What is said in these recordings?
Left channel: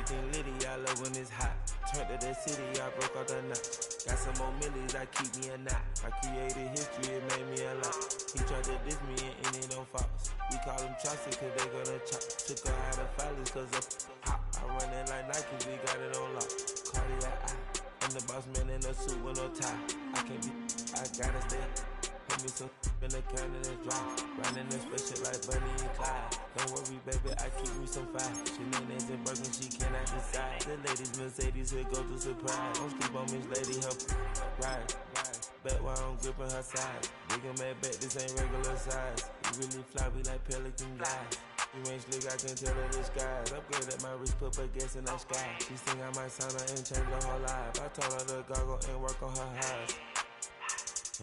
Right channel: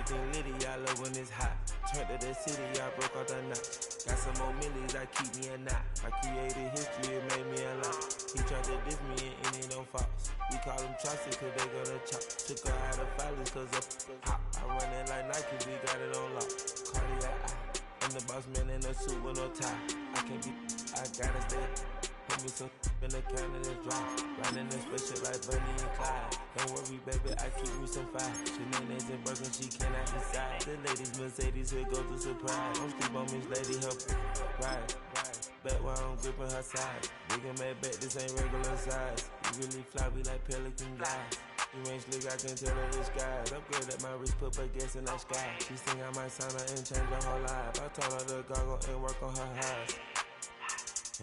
Everything litty, I love when it's hot. Turned to the city, I broke out the notch. Got some more millies, I keep me a knot. I created history, it made me a lot. He tried to diss me and it on Fox. We call them Chaucer cause they gonna chop. Took her out of filers cause of hot. I run it like Nike, we got it on lock. Cardiac eye. I'm the boss man in a suit with no tie. I can't be, I gotta stay. Put me some in the can of this dry. Riding this special like Bunny and Clyde. Don't worry, baby, I keep me some fire. Shenanigans and Birkin, she cannot decide. The ladies, Mercedes, here go to surprise. Don't sleep on Miss Lady, help ride. Bet while I'm gripping her side. Big and mad bet, this ain't regular size. We really fly, we like pelican guys. You ain't slick, I can tell her the skies. Upgrade at my wrist, put baguettes in the sky. She think I might sign her and change her whole life. I told her to goggle and work on her highs.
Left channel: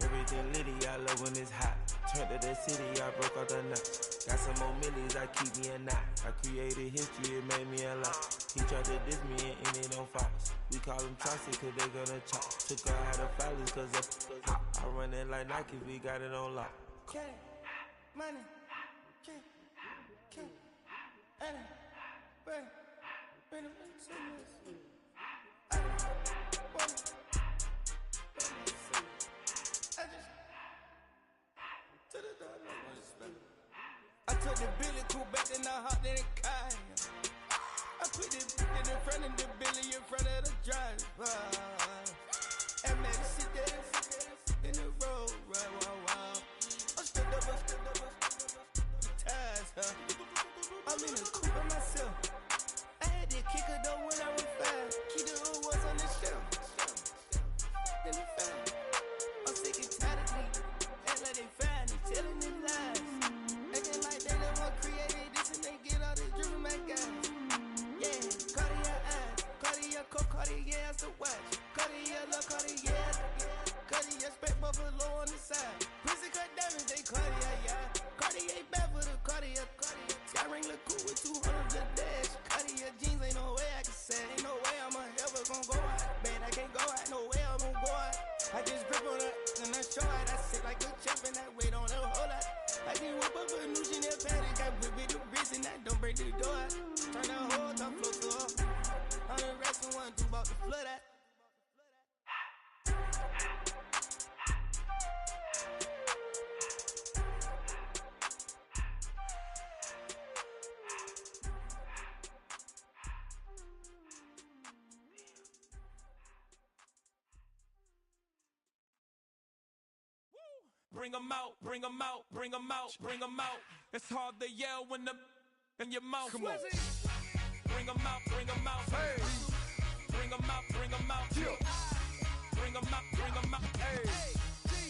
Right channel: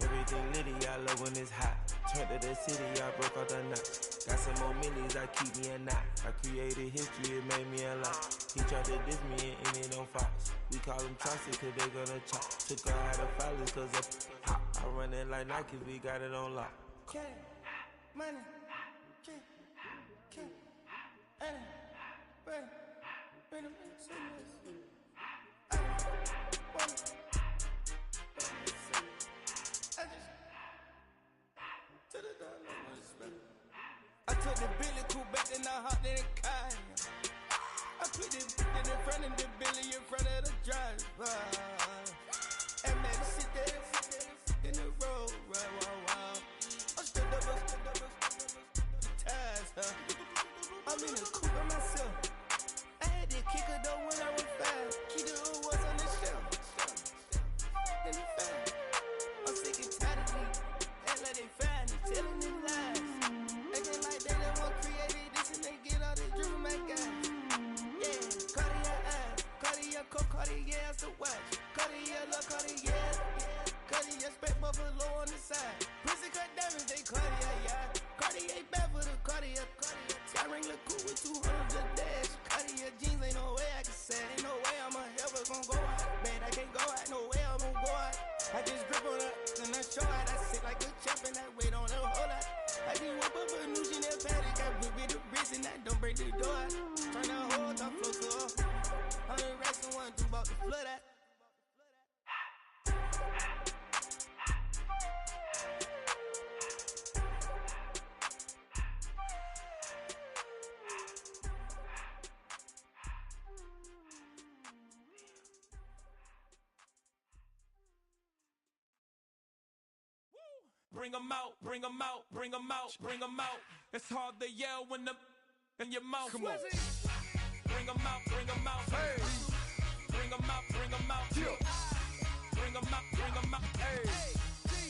Everything litty, I love when it's hot. Turned to the city, I broke out the notch. Got some more millies, I keep me a knot. I created history, it made me a lot. He tried to diss me and it on Fox. We call them Chaucer cause they gonna chop. Took her out of filers cause of hot. I run it like Nike, we got it on lock. Money, money, I took the Billy cool back, then I hopped in the car. I put the in front of the Billy in front of the driver. And made it sit there in the road, right, wow. I stood up, the ties, I'm in the coupe by myself. I had that kicker though when I was 5. Key the was on the shelf. In the 5. I'm sick and tired of me. Act like they find it, telling them lies. Acting like they the one created this and they get all this drip from my guys. Yeah, Cartier eyes, Cartier coat, Cartier as the watch. Cartier love, Cartier, Cartier spec buffalo on the side. Pussy cut diamonds, they Cartier, yeah. Cartier bad for the Cartier. Sky ring look cool with 200 the dash. Cartier jeans, ain't no way I can say. Ain't no way I'm ever gonna go out. Man, I can't go out, no way I'm gonna go out. I just grip on her and I show out. I sit like a champ and I wait on her whole lot. I just whip up a new Chanel paddock. I whip with the bricks and I don't break the door out. Turn that whole top flow to her. 100 racks and 1 2 about to flood out. Bring 'em out, bring 'em out, bring 'em out, bring 'em out. It's hard to yell when the in your mouth. Come on. Bring 'em out, bring 'em out. Hey. Bring 'em out, bring 'em out. Yeah. Bring 'em out, bring 'em out. Hey.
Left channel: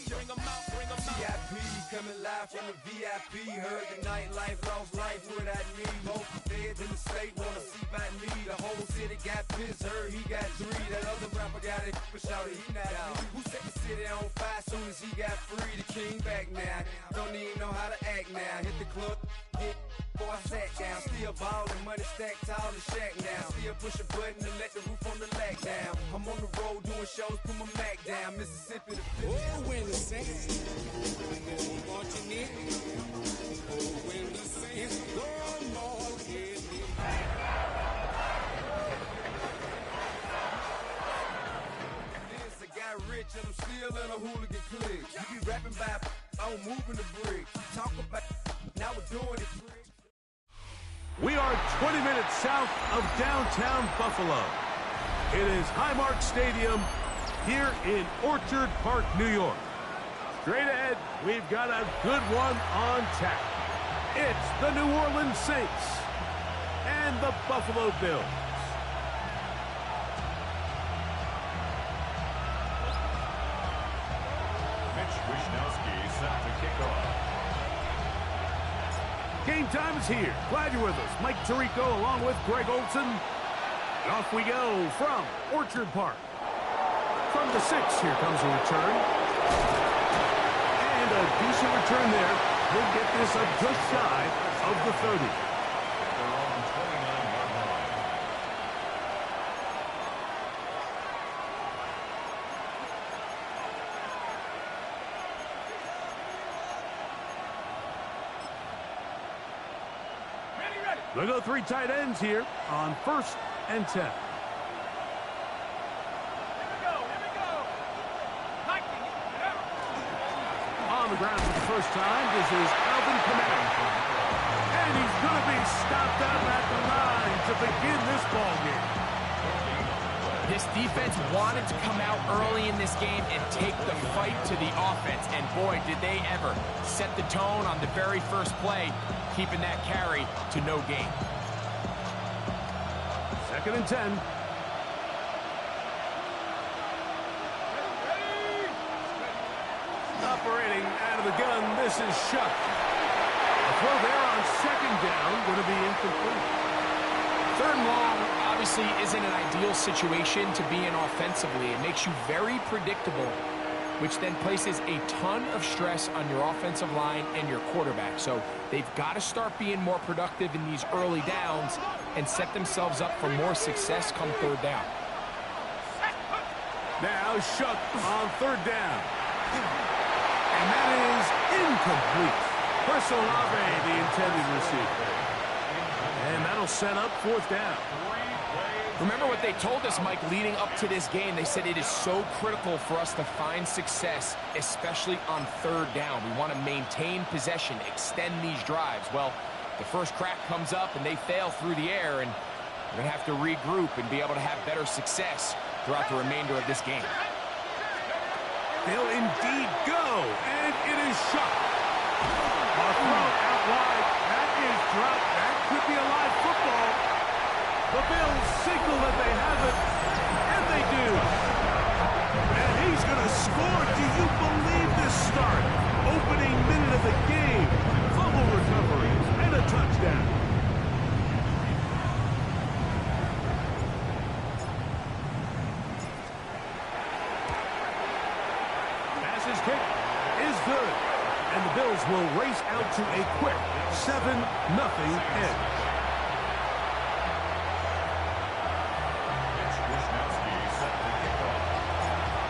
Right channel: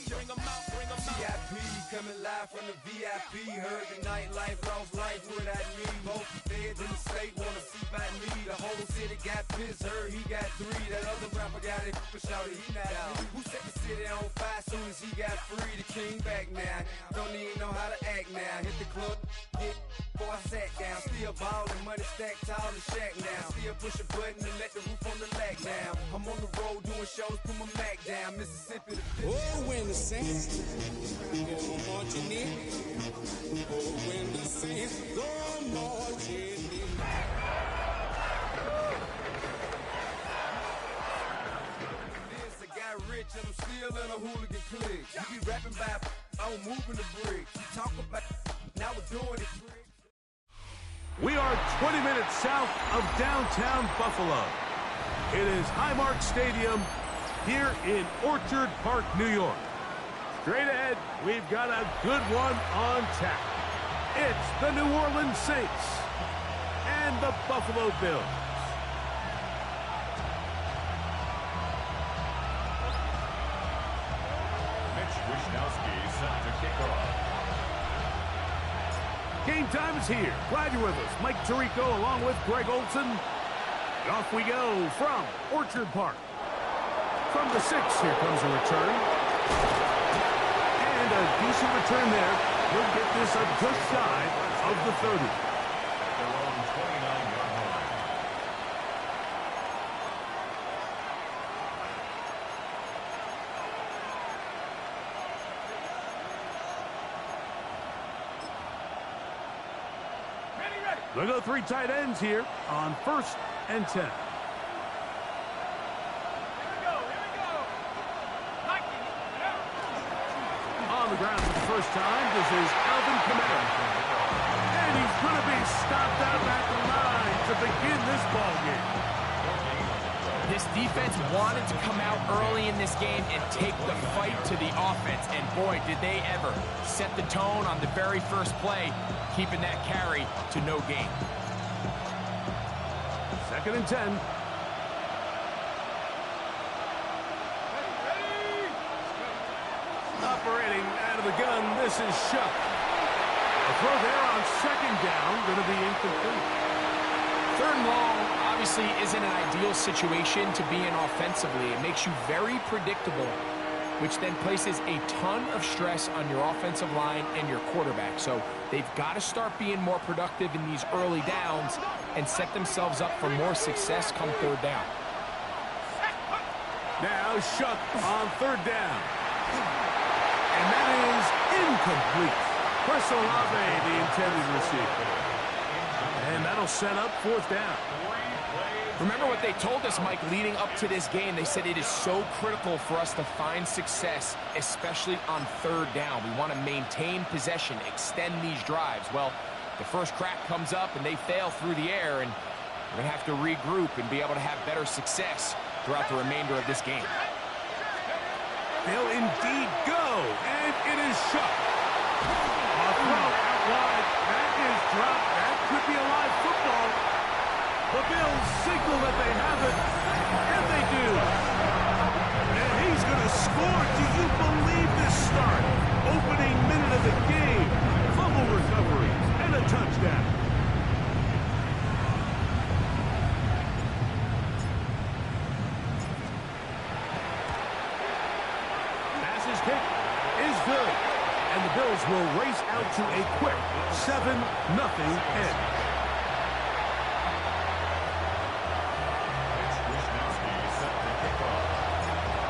Bring 'em out, bring 'em out. VIP coming live from the VIP. Heard the nightlife, lost life without me. Most feds in the state wanna see by me. The whole city got pissed, heard he got 3. That other rapper got it, but shouted he not out. Who set the city on fire soon as he got free? The king back now, don't even know how to act now. Hit the club, hit before I sat down. Still ballin', money stacked tall in shack now. Still push a button and let the roof on the lack down. I'm on the road doing shows, put my Mac down. Mississippi to Oh, when the saints go marching in. Oh, when the saints go marching in. This, I got rich and I'm still in a hooligan clique. You be rapping by, I'm moving the bricks. You talk about, now we're doing it. We are 20 minutes south of downtown Buffalo. It is Highmark Stadium here in Orchard Park, New York. Straight ahead, we've got a good one on tap. It's the New Orleans Saints and the Buffalo Bills. Mitch Wishnowski set to kick off. Game time is here. Glad you're with us. Mike Tirico along with Greg Olson. And off we go from Orchard Park. From the 6, here comes a return. And a decent return there. He'll get this up just shy of the 30. At their own 29-yard line. They'll go 3 tight ends here on 1st and 10. On the ground for the first time, this is Alvin Kamara. And he's going to be stopped out at the line to begin this ball game. This defense wanted to come out early in this game and take the fight to the offense. And boy, did they ever set the tone on the very first play, keeping that carry to no gain. 2nd and 10. Operating out of the gun, this is Shuck. A throw there on 2nd down, going to be incomplete. 3rd and long obviously isn't an ideal situation to be in offensively. It makes you very predictable, which then places a ton of stress on your offensive line and your quarterback. So they've got to start being more productive in these early downs and set themselves up for more success come 3rd down. Now Shuck on 3rd down. And that is incomplete. Chris Olave, the intended receiver. And that'll set up 4th down. Remember what they told us, Mike, leading up to this game. They said it is so critical for us to find success, especially on 3rd down. We want to maintain possession, extend these drives. Well, the first crack comes up and they fail through the air, and we're going to have to regroup and be able to have better success throughout the remainder of this game. They'll indeed go, and it is Shuck. A throw out wide. That is dropped. That could be a live football. The Bills signal that they have it, and they do. And he's going to score. Do you believe this start? Opening minute of the game. Fumble recoveries and a touchdown. His kick is good, and the Bills will race out to a quick 7-0 edge.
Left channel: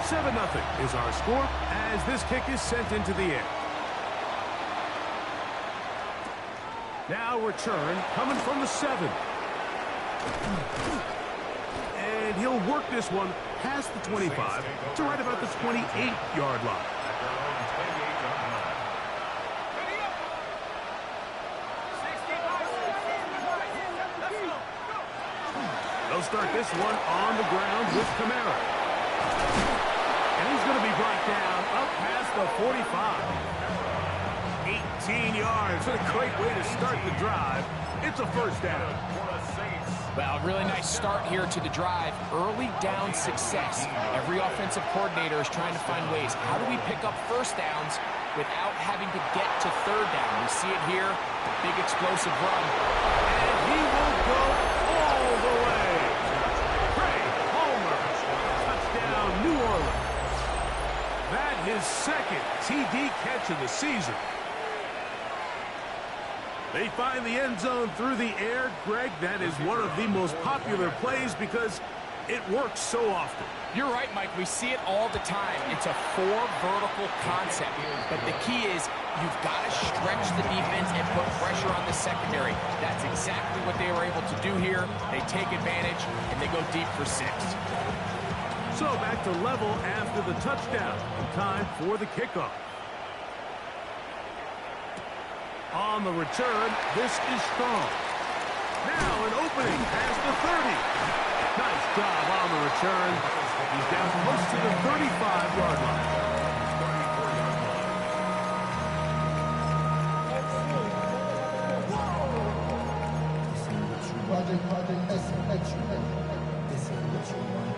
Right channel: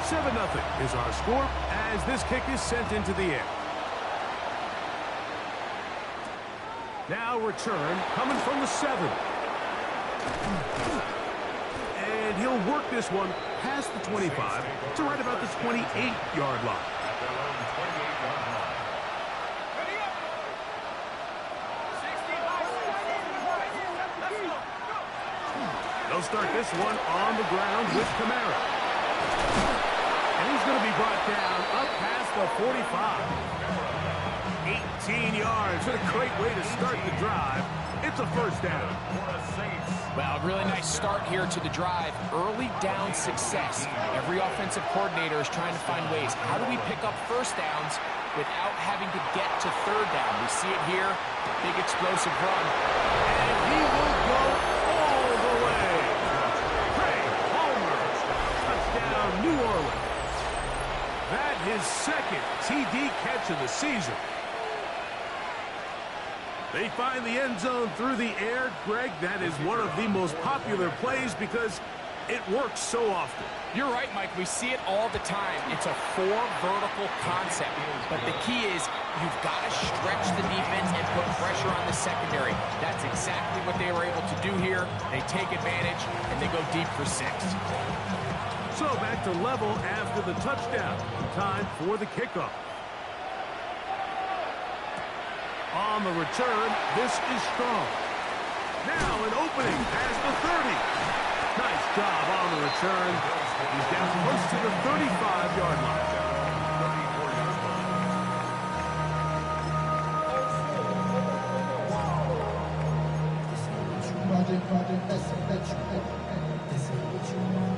7-0 is our score as this kick is sent into the air. Now return coming from the 7. And he'll work this one past the 25 to right about the 28-yard line. At their own 28-yard line. They'll start this one on the ground with Kamara. And he's going to be brought down up past the 45. 18 yards. What a great way to start the drive. It's a 1st down. Well, really nice start here to the drive. Early down success. Every offensive coordinator is trying to find ways. How do we pick up 1st downs without having to get to 3rd down? We see it here. Big explosive run. And he will go all the way. Trey Palmer. Touchdown, New Orleans. That his 2nd TD catch of the season. They find the end zone through the air. Greg, that is one of the most popular plays because it works so often. You're right, Mike. We see it all the time. It's a 4 vertical concept. But the key is you've got to stretch the defense and put pressure on the secondary. That's exactly what they were able to do here. They take advantage, and they go deep for 6. So back to level after the touchdown. Time for the kickoff. On the return, this is Strong. Now an opening past the 30. Nice job on the return. He's down close to the 35-yard line. 34-yard line. Project S. This ain't what you want.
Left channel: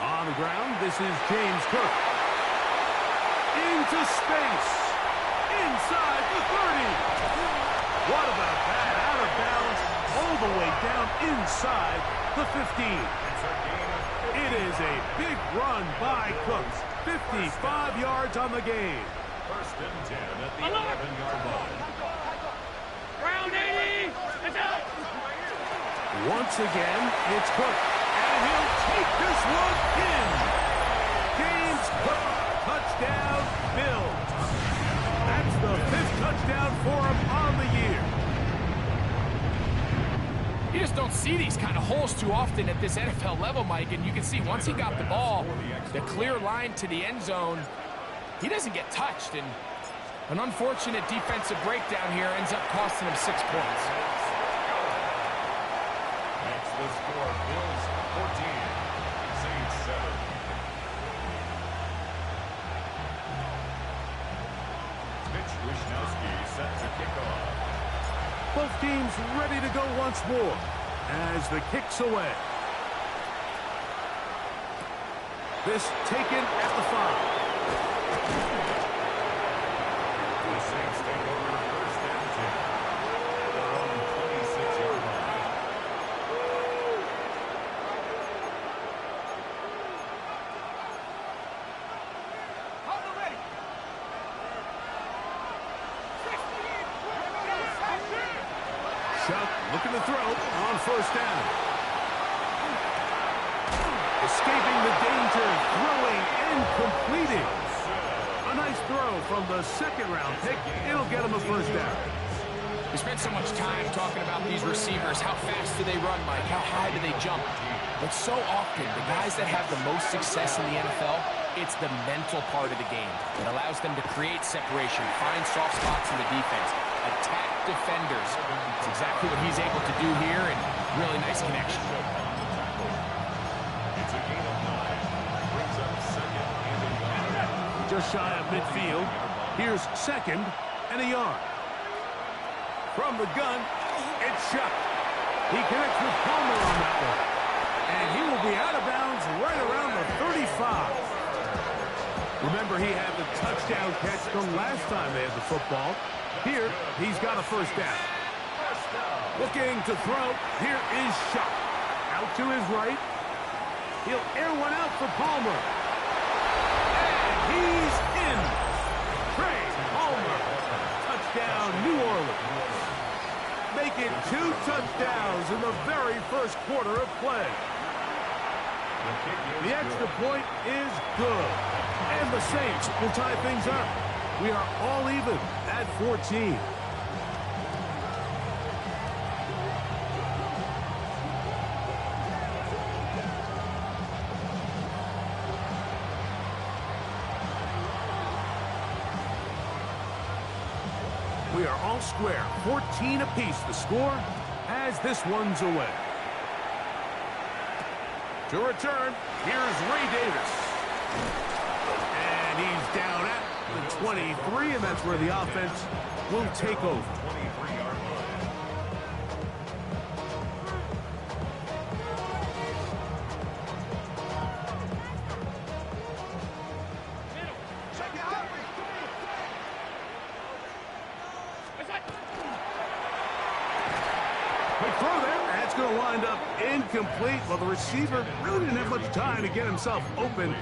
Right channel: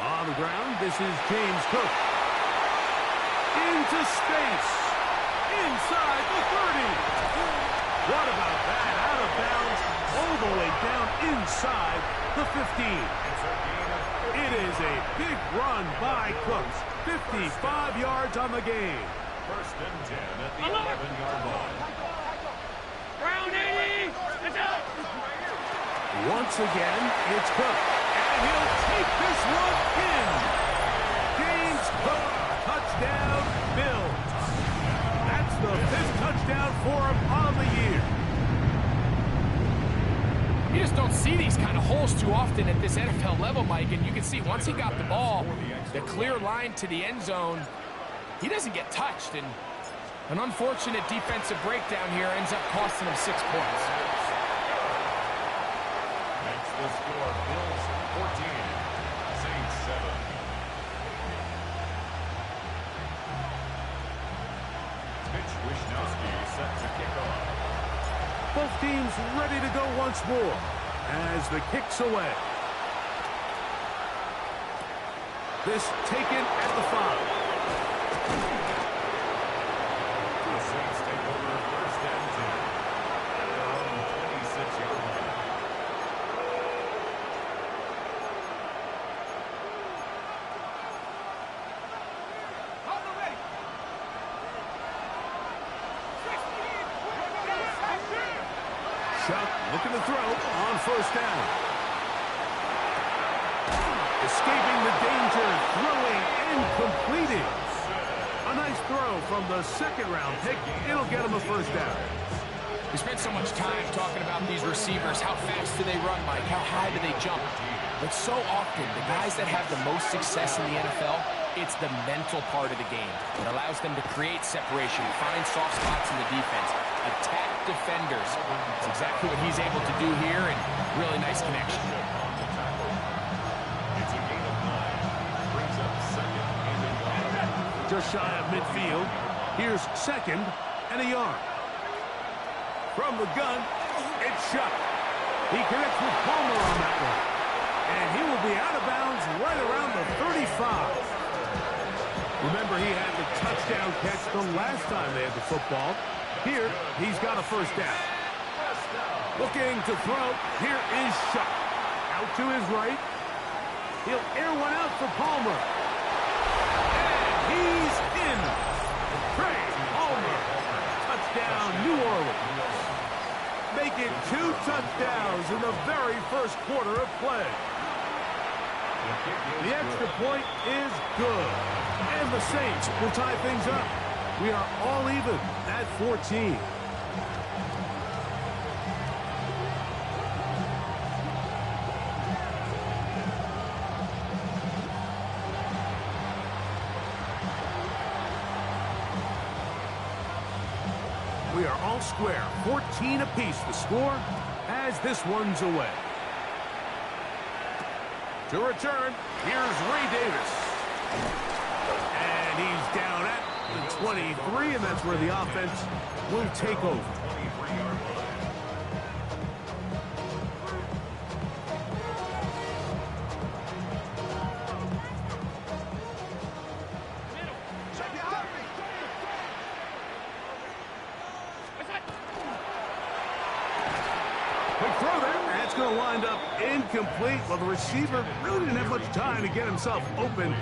On the ground, this is James Cook. Into space. Inside the 30. What about that? Out of bounds, all the way down inside the 15. It is a big run by Cooks. 55 yards on the game. 1st and 10 at the 11-yard line. Round 80! It's out! Once again, it's Cook. And he'll take this one in. James Cook Touchdown, Bills. That's the 5th touchdown for him on the year. You just don't see these kind of holes too often at this NFL level, Mike, and you can see once he got the ball, the clear line to the end zone, he doesn't get touched, and an unfortunate defensive breakdown here ends up costing him 6 points. Makes the score Bills 14, Saints 7. Mitch Wishnowsky set to kick off. Both teams ready to go once more as the kick's away. This taken at the 5. The Saints take over 1st and 10 at their own 26-yard line. Chuck looking to throw on 1st down. Escaping the danger, throwing and completing. A nice throw from the 2nd-round pick. It'll get him a 1st down. We spent so much time talking about these receivers. How fast do they run, Mike? How high do they jump? But so often, the guys that have the most success in the NFL, it's the mental part of the game. It allows them to create separation, find soft spots in the defense, attack defenders. It's exactly what he's able to do here, and really nice connection. It's a gain of 9. Brings up 2nd and a yard. Just shy of midfield. Here's 2nd and a yard. From the gun, it's Chuck. He connects with Palmer on that one. And he will be out of bounds right around the 35. Remember, he had the touchdown catch the last time they had the football. Here, he's got a 1st down. Looking to throw. Here is Chuck. Out to his right. He'll air one out for Palmer. And he's in. Trey Palmer. Touchdown, New Orleans. Make it 2 touchdowns in the very 1st quarter of play. The extra point is good. And the Saints will tie things up. We are all even at 14. We are all square. 14 apiece the score as this one's away. To return, here's Ray Davis. And he's down at the 23, and that's where the offense will take over. 23-yard line. Quick throw there. That's going to wind up incomplete. Well, the receiver really didn't have much time to get himself open.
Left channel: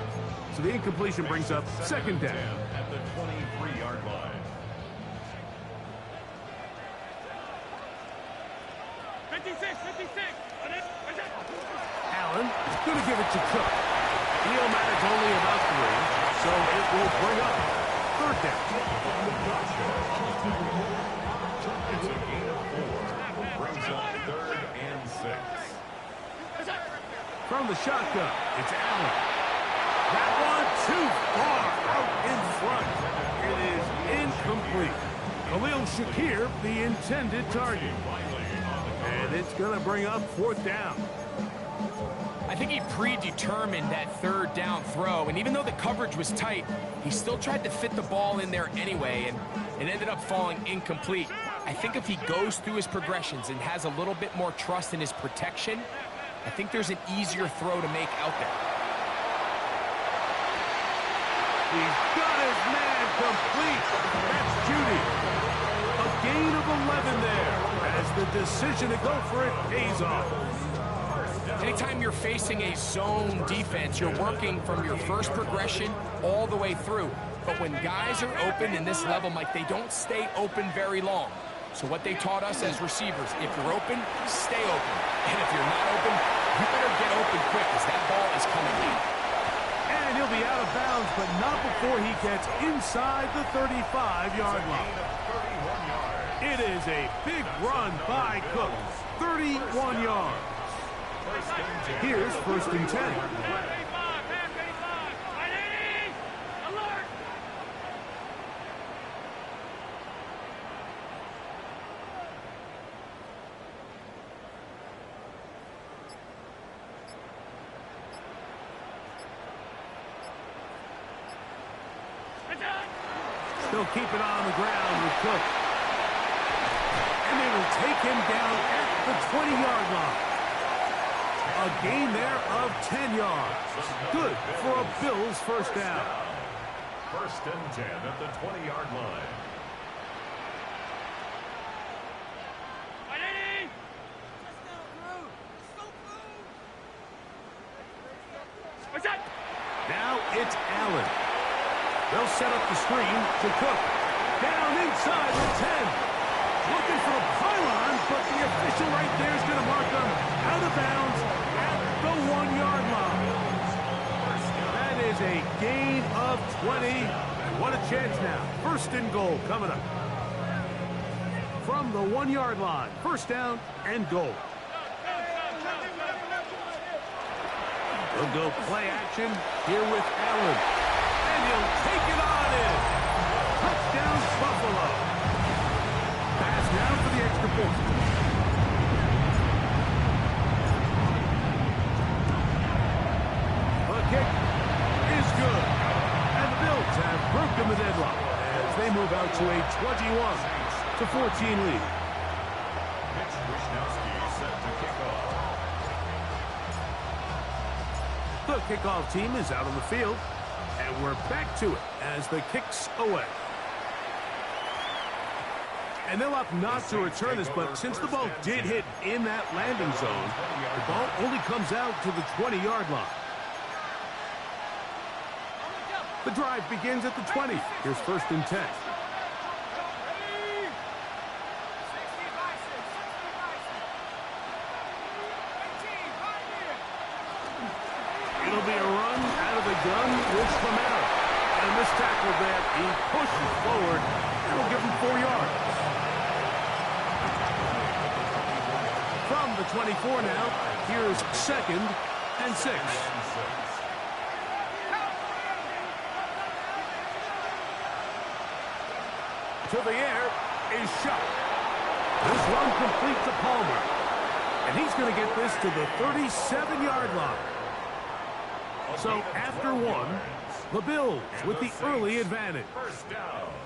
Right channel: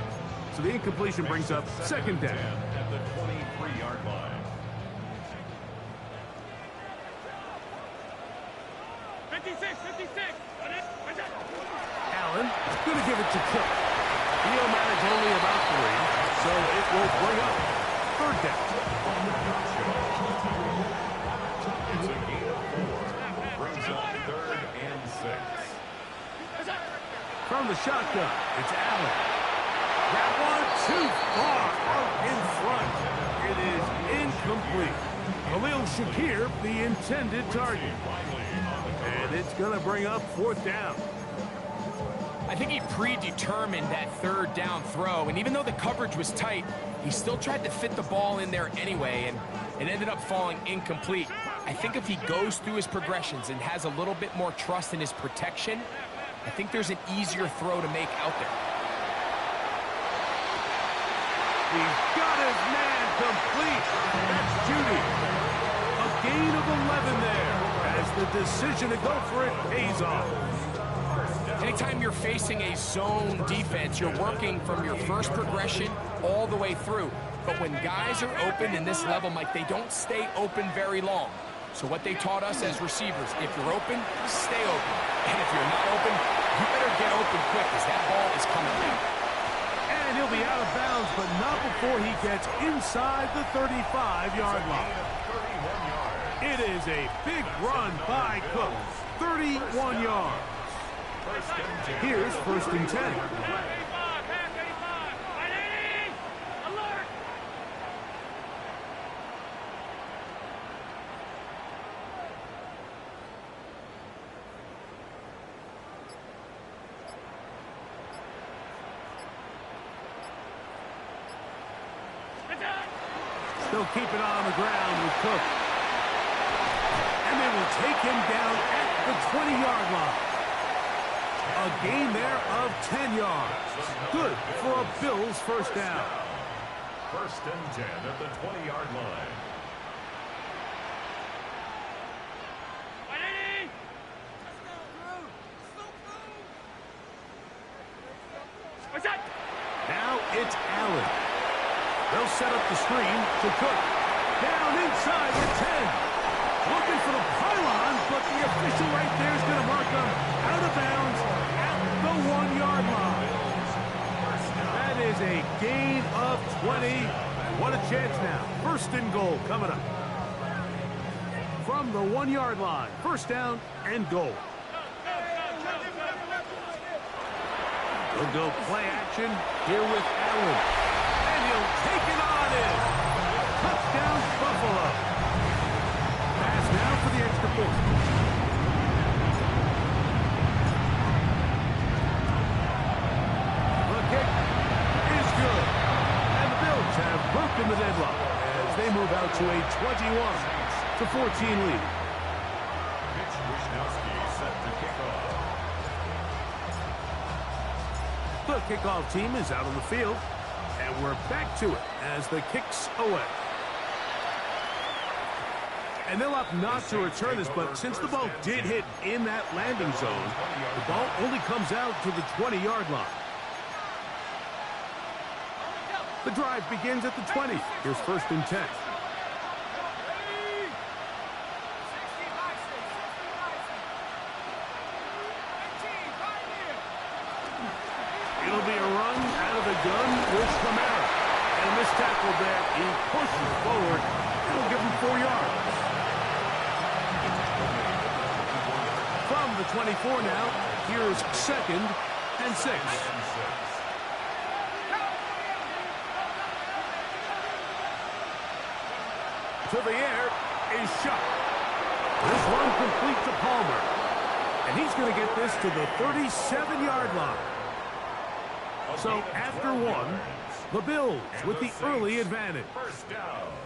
So the incompletion brings up 2nd down. At the 23-yard line. 56. Allen going to give it to Cook. He'll manage only about 3, so it will bring up 3rd down. It's a gain of 4. Brings up 3rd and 6. From the shotgun, it's Allen. That one too far out in front. It is incomplete. Khalil Shakir, the intended target. And it's going to bring up 4th down. I think he predetermined that 3rd down throw, and even though the coverage was tight, he still tried to fit the ball in there anyway, and it ended up falling incomplete. I think if he goes through his progressions and has a little bit more trust in his protection, I think there's an easier throw to make out there. He's got his man complete. That's Judy. A gain of 11 there as the decision to go for it pays off. Anytime you're facing a zone defense, you're working from your first progression all the way through. But when guys are open in this level, Mike, they don't stay open very long. So what they taught us as receivers, if you're open, stay open. And if you're not open, you better get open quick because that ball is coming in. And he'll be out of bounds, but not before he gets inside the 35-yard line. It is a big run by Cook. 31 yards. Here's 1st and 10. They'll keep it on the ground with Cook. And they will take him down at the 20-yard line. A gain there of 10 yards. Good for a Bills first down. 1st and 10 at the 20-yard line. Now it's Allen. They'll set up the screen to Cook. Down inside the 10. Looking for the pylon, but the official right there is going to mark them out of bounds at the 1-yard line. That is a gain of 20. What a chance now. 1st and goal coming up. From the 1-yard line. 1st down and goal. They'll go play action here with Allen. And he'll take it on in. Touchdown, Buffalo. Pass now for the extra point. The kick is good. And the Bills have broken the deadlock as they move out to a 21-14 lead. Mitch Wishnowski set to kick off. The kickoff team is out on the field, and we're back to it as the kick's away. And they'll opt not to return this, but since the ball did hit in that landing zone, the ball only comes out to the 20-yard line. The drive begins at the 20. Here's 1st and 10. It'll be a run out of the gun with Camara. And a missed tackle there. He pushes forward. That'll give him 4 yards. From the 24 now, here's 2nd and 6. To the air is shot. This run complete to Palmer. And he's going to get this to the 37-yard line. So after 1, the Bills with the early advantage.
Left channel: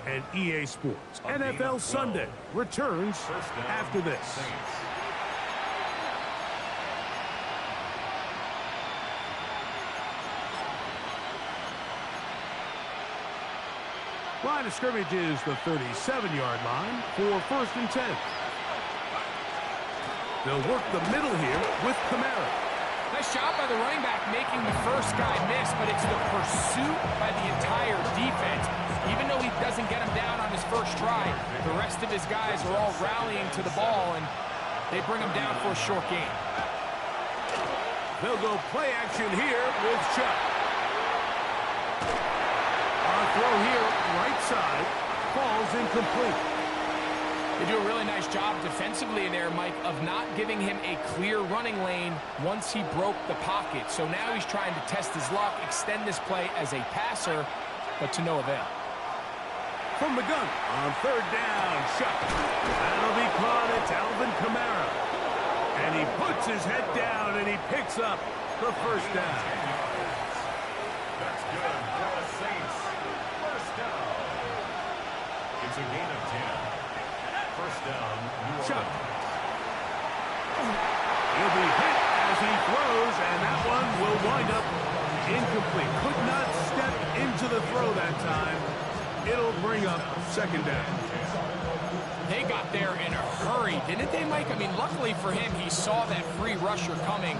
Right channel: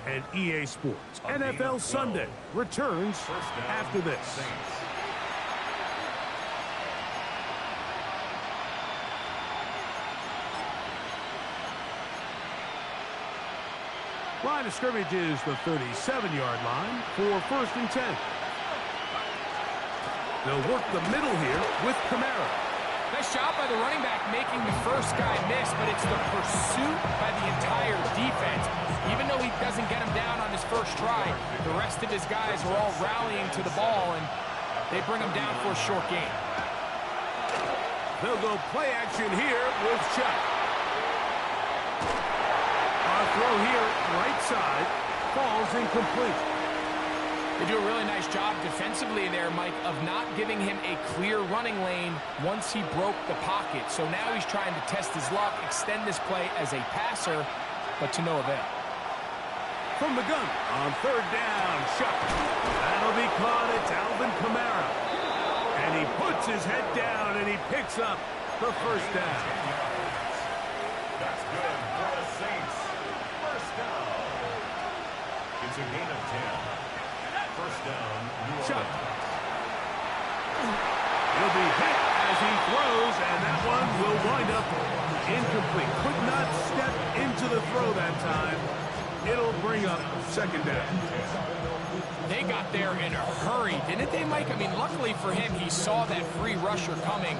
And EA Sports NFL Sunday returns after this. Line of scrimmage is the 37-yard line for 1st and 10. They'll work the middle here with Camara. Nice job by the running back making the first guy miss, but it's the pursuit by the entire defense. Even though he doesn't get him down on his first try, the rest of his guys are all rallying to the ball, and they bring him down for a short gain. They'll go play action here with Chuck. Our throw here, right side, falls incomplete. They do a really nice job defensively in there, Mike, of not giving him a clear running lane once he broke the pocket. So now he's trying to test his luck, extend this play as a passer, but to no avail. From the gun on 3rd down, Shuck. That'll be caught. It's Alvin Kamara. And he puts his head down and he picks up the 1st down. That's good for the Saints. 1st down. It's a gain of 10. 1st down, New Orleans. Chuck. He'll be hit as he throws, and that one will wind up incomplete. Could not step into the throw that time. It'll bring up 2nd down. They got there in a hurry, didn't they, Mike? I mean, luckily for him, he saw that free rusher coming,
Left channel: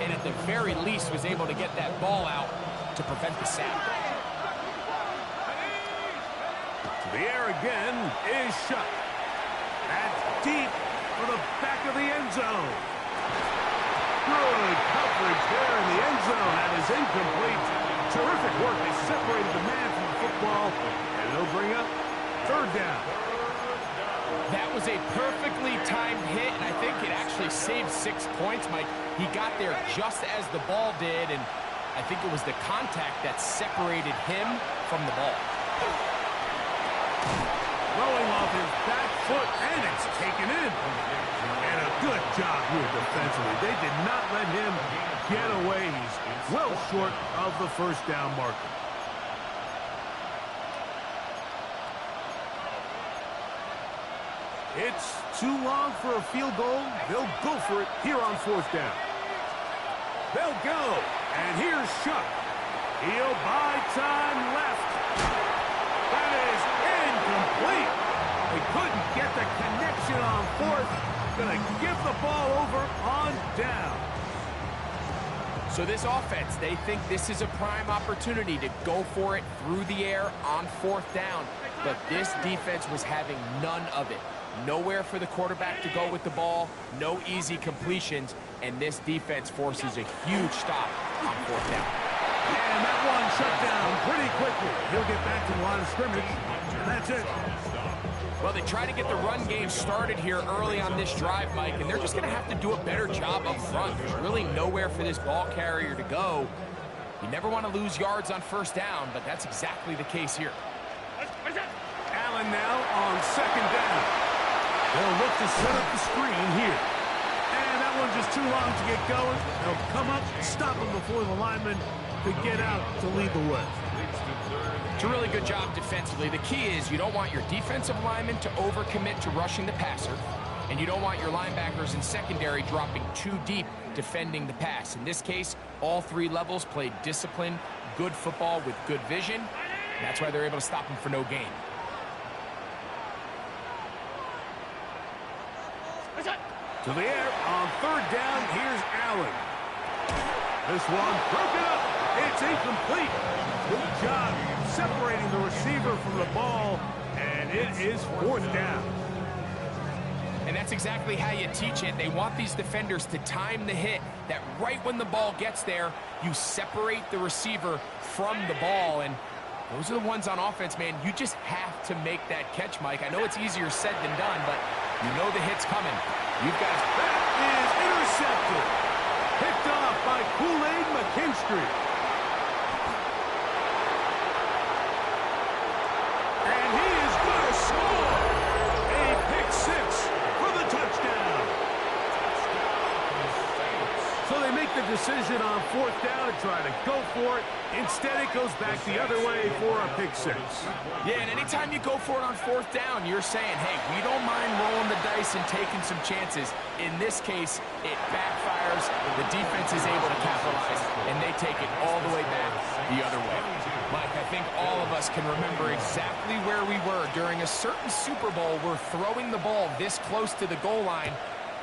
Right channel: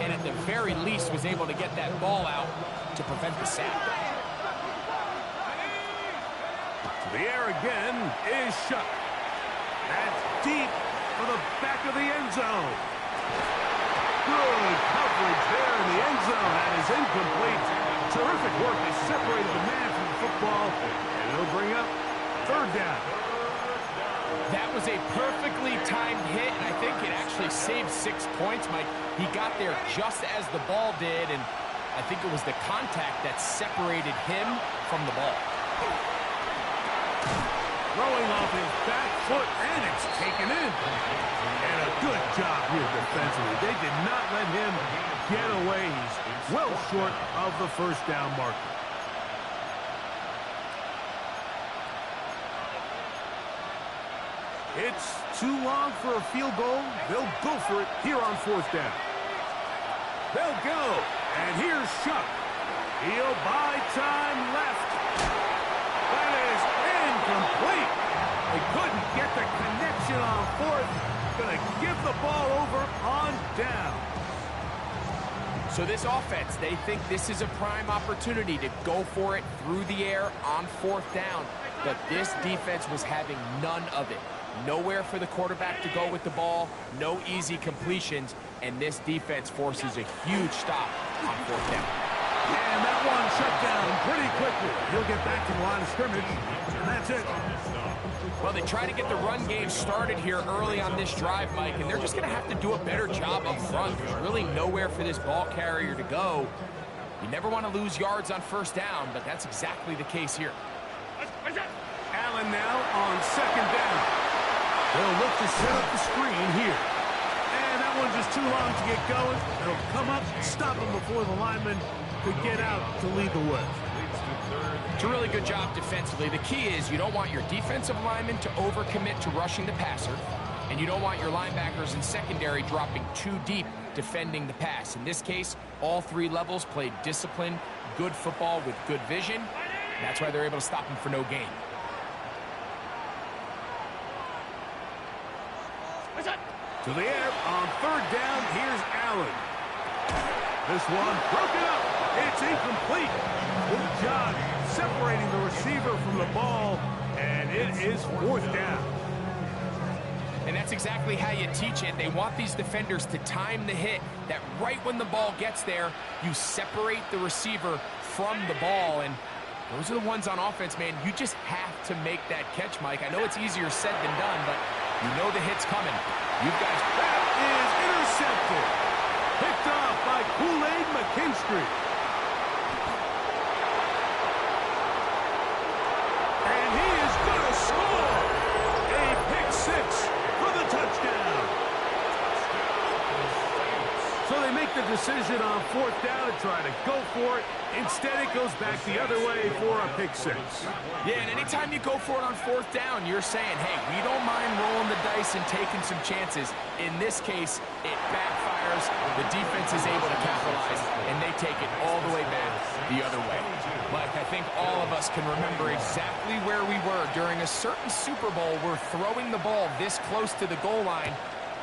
and at the very least was able to get that ball out to prevent the sack. To the air again is Shuck. That's deep for the back of the end zone. Good coverage there in the end zone. That is incomplete Terrific work. They separated the man from the football, and it'll bring up third down. That was a perfectly timed hit, and I think it actually saved 6 points, Mike. He got there just as the ball did, and I think it was the contact that separated him from the ball. Throwing off his back foot, and it's taken in. And a good job here defensively. They did not let him get away. He's well short of the first down marker. It's too long for a field goal. They'll go for it here on fourth down. They'll go. And here's Shuck. He'll buy time left. That is incomplete. They couldn't get the connection on fourth. Going to give the ball over on down. So this offense, they think this is a prime opportunity to go for it through the air on fourth down. But this defense was having none of it. Nowhere for the quarterback to go with the ball, no easy completions, and this defense forces a huge stop on fourth down. And that one shut down pretty quickly. He'll get back to the line of scrimmage, and that's it. Well, they try to get the run game started here early on this drive, Mike, and they're just going to have to do a better job up front. There's really nowhere for this ball carrier to go. You never want to lose yards on first down, but that's exactly the case here. Allen now on second down. They'll look to set up the screen here. And that one's just too long to get going. They'll come up, stop him before the lineman could get out to lead the way. It's a really good job defensively. The key is you don't want your defensive lineman to overcommit to rushing the passer, and you don't want your linebackers in secondary dropping too deep defending the pass. In this case, all three levels played disciplined, good football with good vision. That's why they're able to stop him for no gain. To the air on third down, here's Allen. This one broken up. It's incomplete. Good job separating the receiver from the ball, and it is fourth down. And that's exactly how you teach it. They want these defenders to time the hit, that right when the ball gets there, you separate the receiver from the ball. And those are the ones on offense, man. You just have to make that catch, Mike. I know it's easier said than done, but you know the hit's coming. You've got to... That is intercepted. Picked off by Kool-Aid McKinstry. And he is going to score. A pick six for the touchdown. So they make the decision on fourth down to try to go for it. Instead, it goes back the other way for a pick six. Yeah, and anytime you go for it on fourth down, you're saying, hey, we don't mind rolling the dice and taking some chances. In this case, it backfires. The defense is able to capitalize, and they take it all the way back the other way. Mike, I think all of us can remember exactly where we were during a certain Super Bowl where throwing the ball this close to the goal line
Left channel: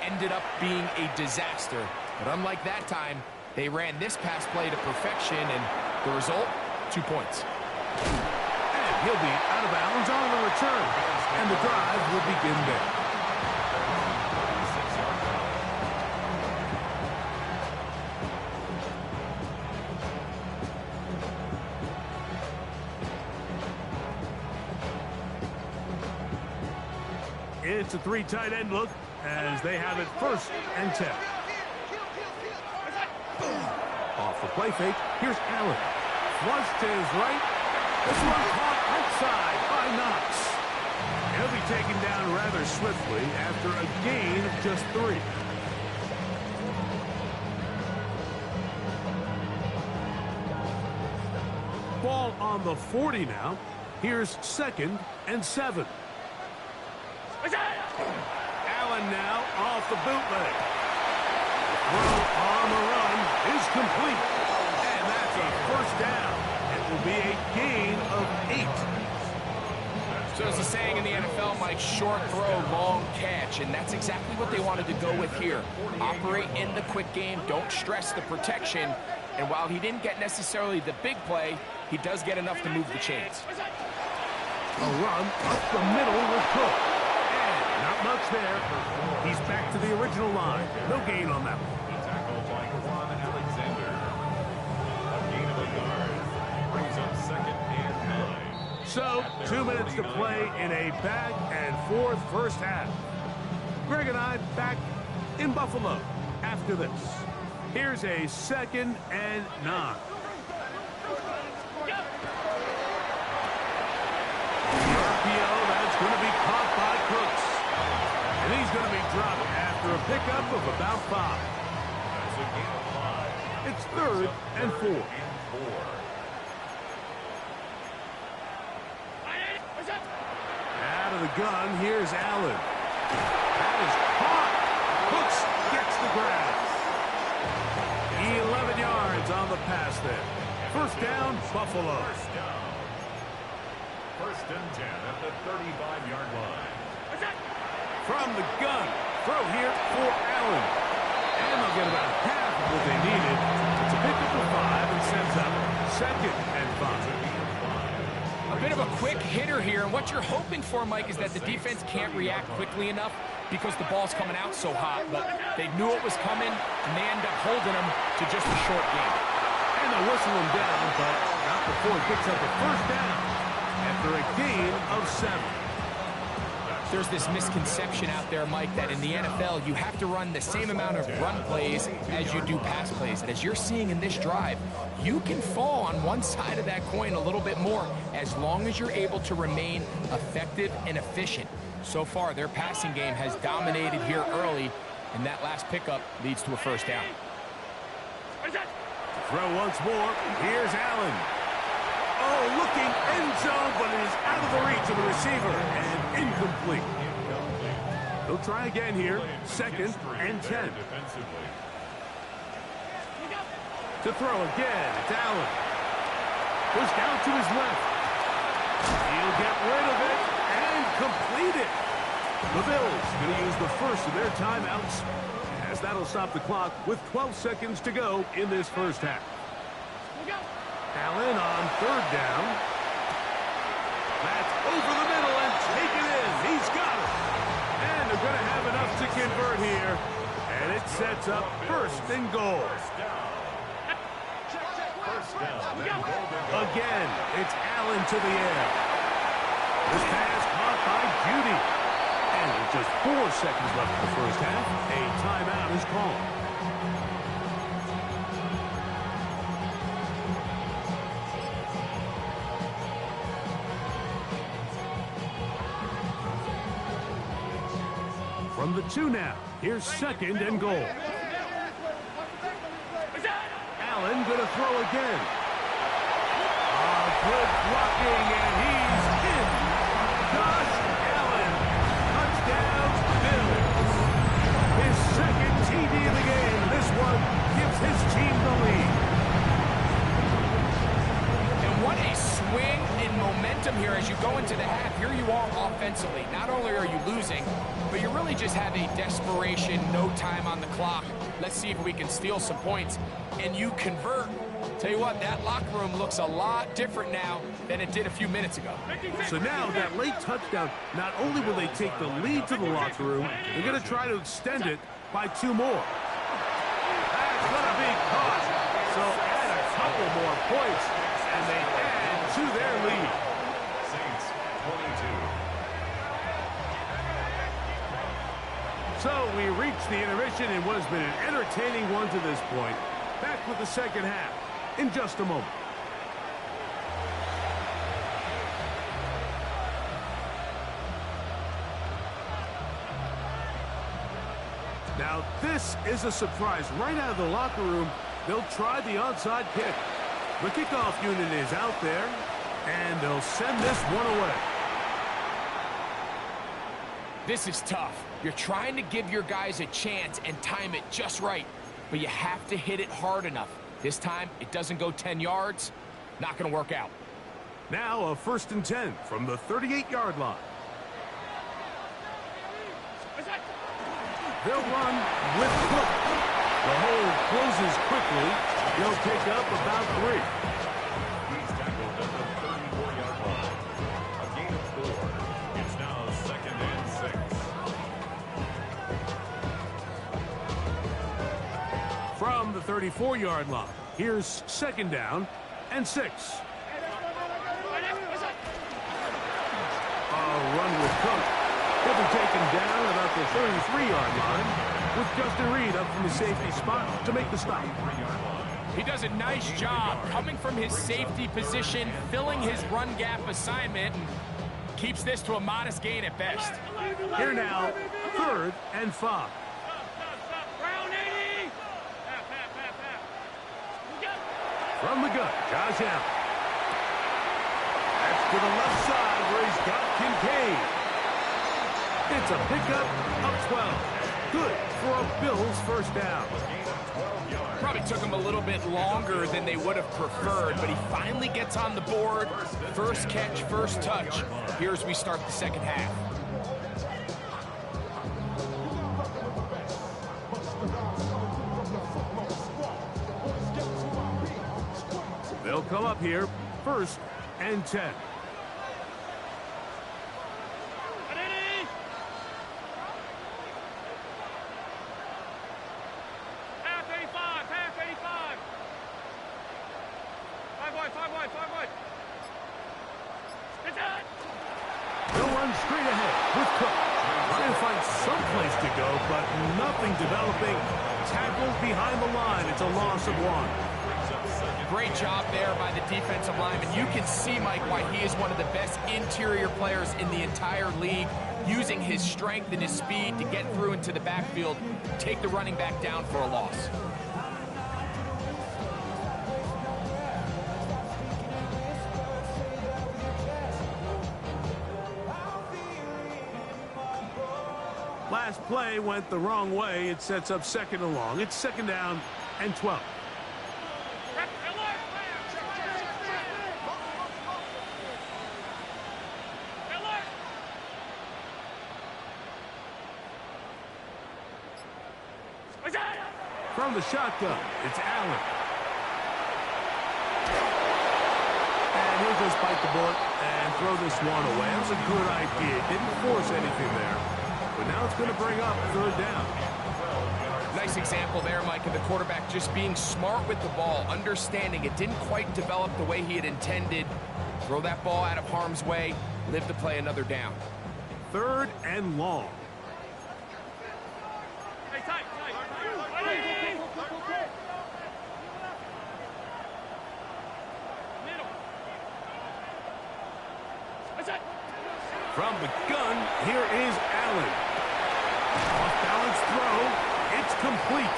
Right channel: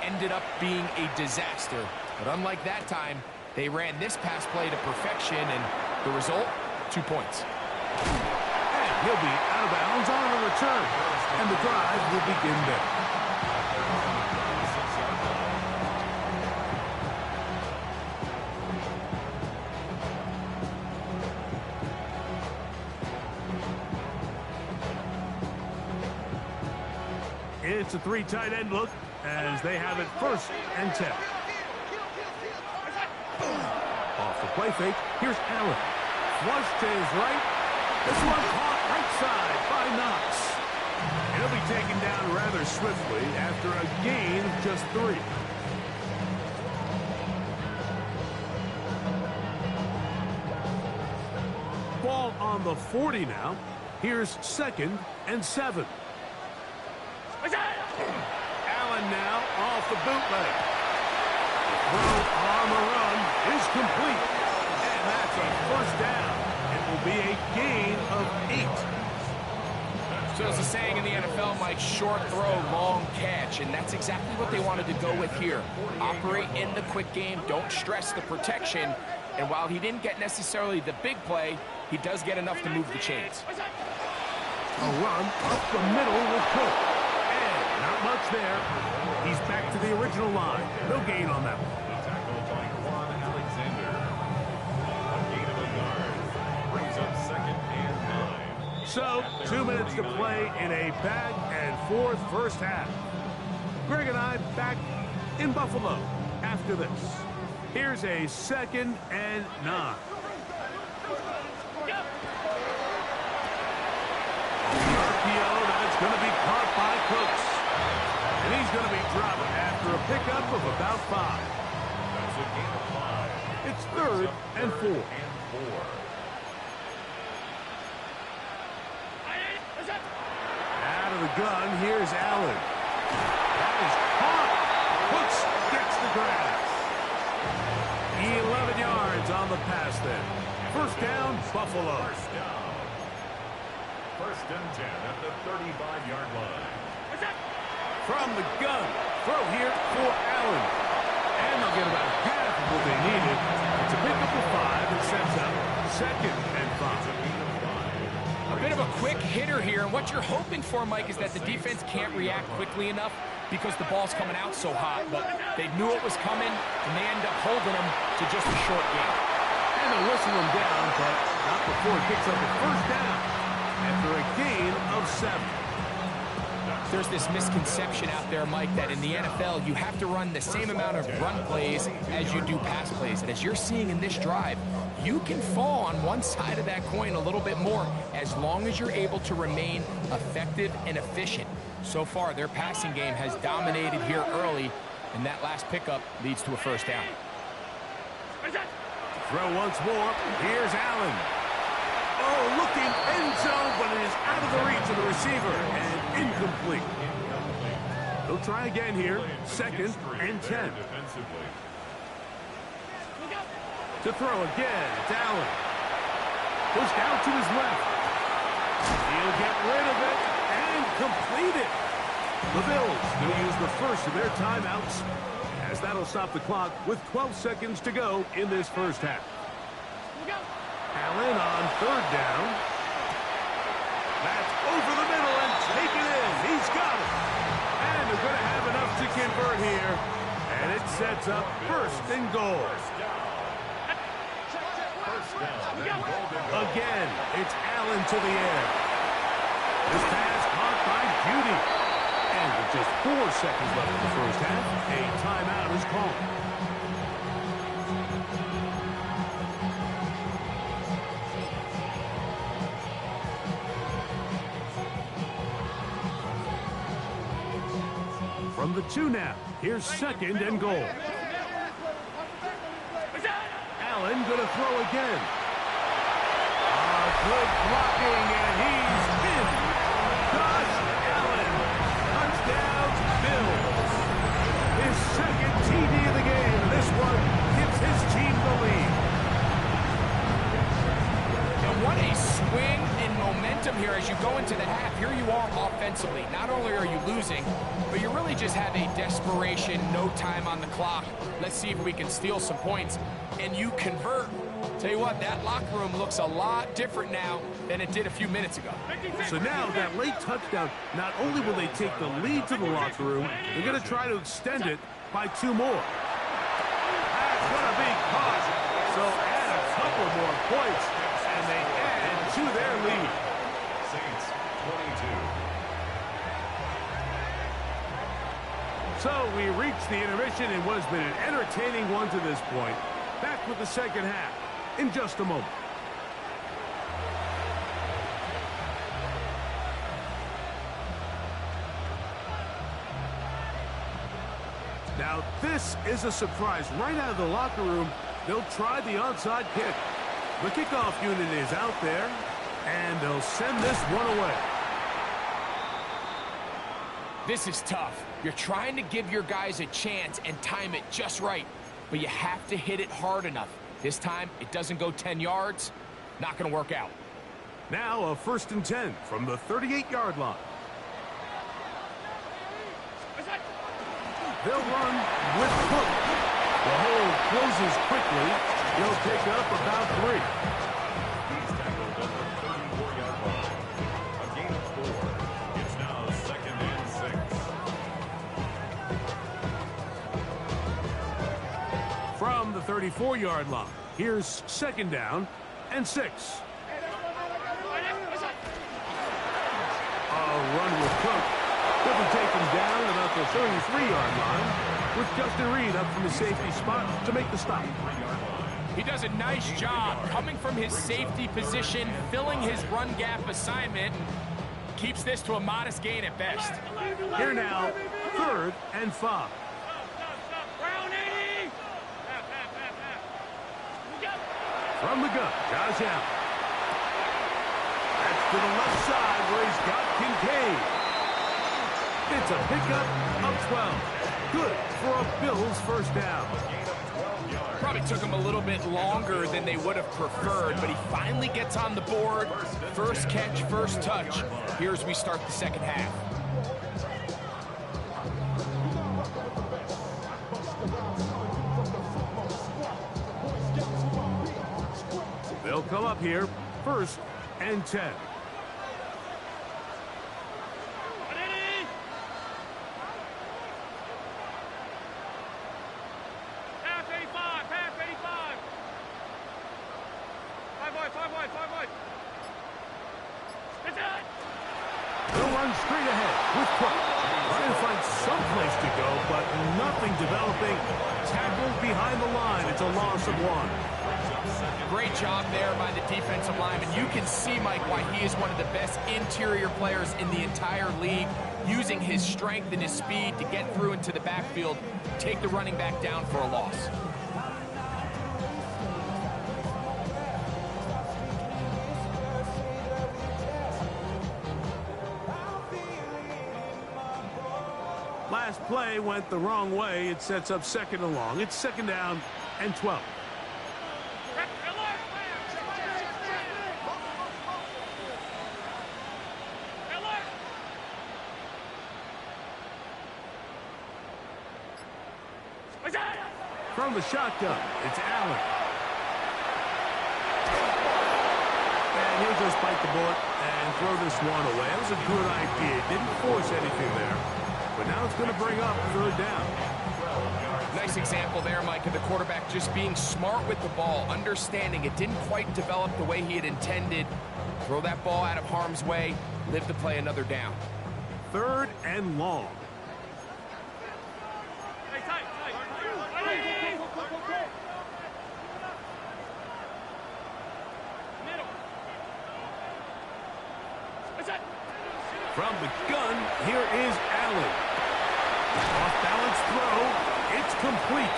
ended up being a disaster. But unlike that time, they ran this pass play to perfection, and the result, 2 points. And he'll be out of bounds on the return, and the drive will begin there. It's a three tight end look as they have it 1st and 10. Off the play fake, here's Allen. Flush to his right. This one caught right side by Knox. And he'll be taken down rather swiftly after a gain of just 3. Ball on the 40 now. Here's 2nd and 7. Allen now off the bootleg. The throw on the run is complete. And that's a 1st down. It will be a gain of 8. So there's a saying in the NFL, Mike, short throw, long catch. And that's exactly what they wanted to go with here. Operate in the quick game. Don't stress the protection. And while he didn't get necessarily the big play, he does get enough to move the chains. A run up the middle with Cook. Not much there. He's back to the original line. No gain on that one. Tackled by Quan Alexander. A gain of a yard. brings up 2nd and 9. So, 2 minutes to play in a back-and-forth first half. Greg and I back in Buffalo after this. Here's a 2nd and 9. The RPO, that's going to be caught by Cooks. And he's going to be dropped after a pickup of about 5. That's a gain of 5. It's 3rd and 4. Out of the gun, here's Allen. That is caught. Cooks gets the grass. 11 yards on the pass there. First down, Buffalo. First down. 1st and 10 at the 35-yard line. From the gun, throw here for Allen. And they'll get about half of what they needed. It's a pickup of 5 and sets up 2nd and 5. A bit of a quick hitter here, and what you're hoping for, Mike, is that the defense can't react quickly enough because the ball's coming out so hot. But they knew it was coming, and they end up holding them to just a short game. And they'll whistle him down, but not before he picks up a first down after a gain of 7. There's this misconception out there, Mike, that in the NFL, you have to run the same amount of run plays as you do pass plays. And as you're seeing in this drive, you can fall on one side of that coin a little bit more as long as you're able to remain effective and efficient. So far, their passing game has dominated here early, and that last pickup leads to a first down. Throw once more. Here's Allen. Oh, looking end zone, but it is out of the reach of the receiver and incomplete. They'll try again here. 2nd and 10. To throw again, it's Allen. Pushed out to his left. He'll get rid of it and complete it. The Bills going to use the first of their timeouts, as that'll stop the clock with 12 seconds to go in this first half. Allen on 3rd down. That's over the middle and taken in. He's got it. And they're going to have enough to convert here. And it sets up 1st and goal. First down. Again, it's Allen to the air. This pass caught by Judy. And with just 4 seconds left in the first half, a timeout is called. From the 2 now, here's 2nd and goal. Allen going to throw again. Good blocking, and he's in. Josh Allen, touchdown Bills. His 2nd TD of the game. This one gives his team the lead. And what a swing in momentum here as you go into the half. Here you are offensively. Not only are you losing, but you really just have a desperation, no time on the clock. Let's see if we can steal some points. And you convert. Tell you what, that locker room looks a lot different now than it did a few minutes ago. So now that late touchdown, not only will they take the lead to the locker room, they're going to try to extend it by 2 more. That's going to be caught. So add a couple more points, and they add to their lead. Saints 22. So we reached the intermission in what has been an entertaining one to this point. Back with the second half in just a moment. Now this is a surprise. Right out of the locker room, they'll try the onside kick. The kickoff unit is out there, and they'll send this one away. This is tough. You're trying to give your guys a chance and time it just right, but you have to hit it hard enough. This time, it doesn't go 10 yards. Not going to work out. Now a 1st and 10 from the 38-yard line. They'll run with Cook. The hole closes quickly. He'll pick up about 3. He's tackled at the 34-yard line. A gain of 4. It's now 2nd and 6. From the 34-yard line, here's 2nd down and 6. run with Cook. He'll be taken down at about the 33-yard line with Justin Reed up from the safety spot to make the stop. He does a nice job coming from his safety position, filling his run gap assignment, and keeps this to a modest gain at best. Here now, 3rd and 5. From the gun, Josh Allen. That's to the left side where he's got Kincaid. It's a pickup of 12. Good for a Bills first down. Probably took him a little bit longer than they would have preferred, but he finally gets on the board. First catch, first touch. Here as we start the second half. They'll come up here, 1st and 10. They'll run straight ahead with Cook. Trying to find some place to go, but nothing developing. Tackled behind the line. It's a loss of 1. Great job there by the defensive lineman. You can see, Mike, why he is one of the best interior players in the entire league, using his strength and his speed to get through into the backfield, take the running back down for a loss. Last play went the wrong way. It sets up 2nd and long. It's 2nd down and 12. From the shotgun, it's Allen. And he'll just bite the bullet and throw this one away. That was a good idea. Didn't force anything there. But now it's going to bring up 3rd down. Nice example there, Mike, of the quarterback just being smart with the ball, understanding it didn't quite develop the way he had intended. Throw that ball out of harm's way, live to play another down. 3rd and long. From the gun, here is Allen. Off-balance throw. It's complete.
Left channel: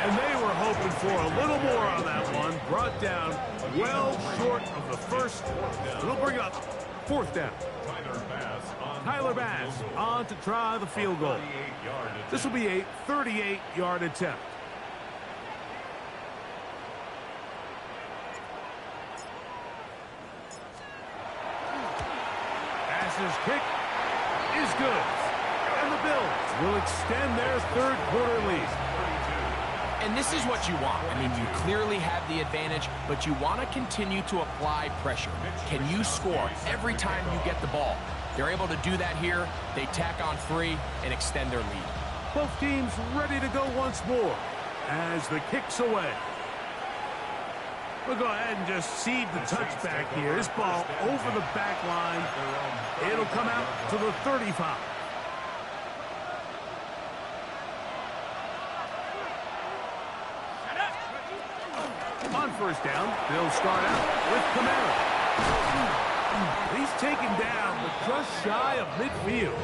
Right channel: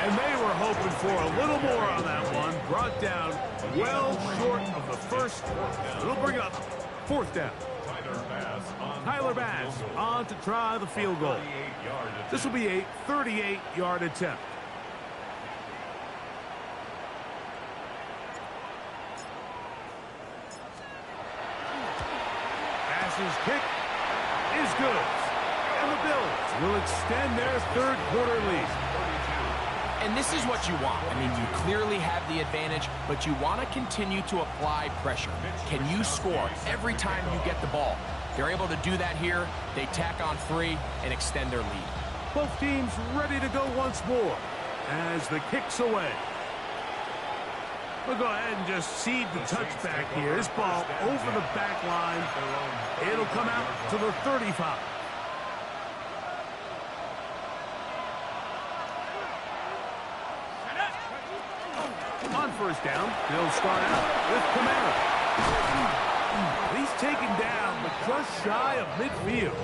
And they were hoping for a little more on that one. Brought down well short of the first. It'll bring up 4th down. Tyler Bass on to try the field goal. This will be a 38-yard attempt. Bass's kick is good. And the Bills will extend their 3rd quarter lead. And this is what you want. I mean, you clearly have the advantage, but you want to continue to apply pressure. Can you score every time you get the ball? They're able to do that here. They tack on 3 and extend their lead. Both teams ready to go once more as the kick's away. We'll go ahead and just cede the touchback here. This ball over the back line. It'll come out to the 35. On 1st down, they'll start out with Kamara. He's taken down, but just shy of midfield.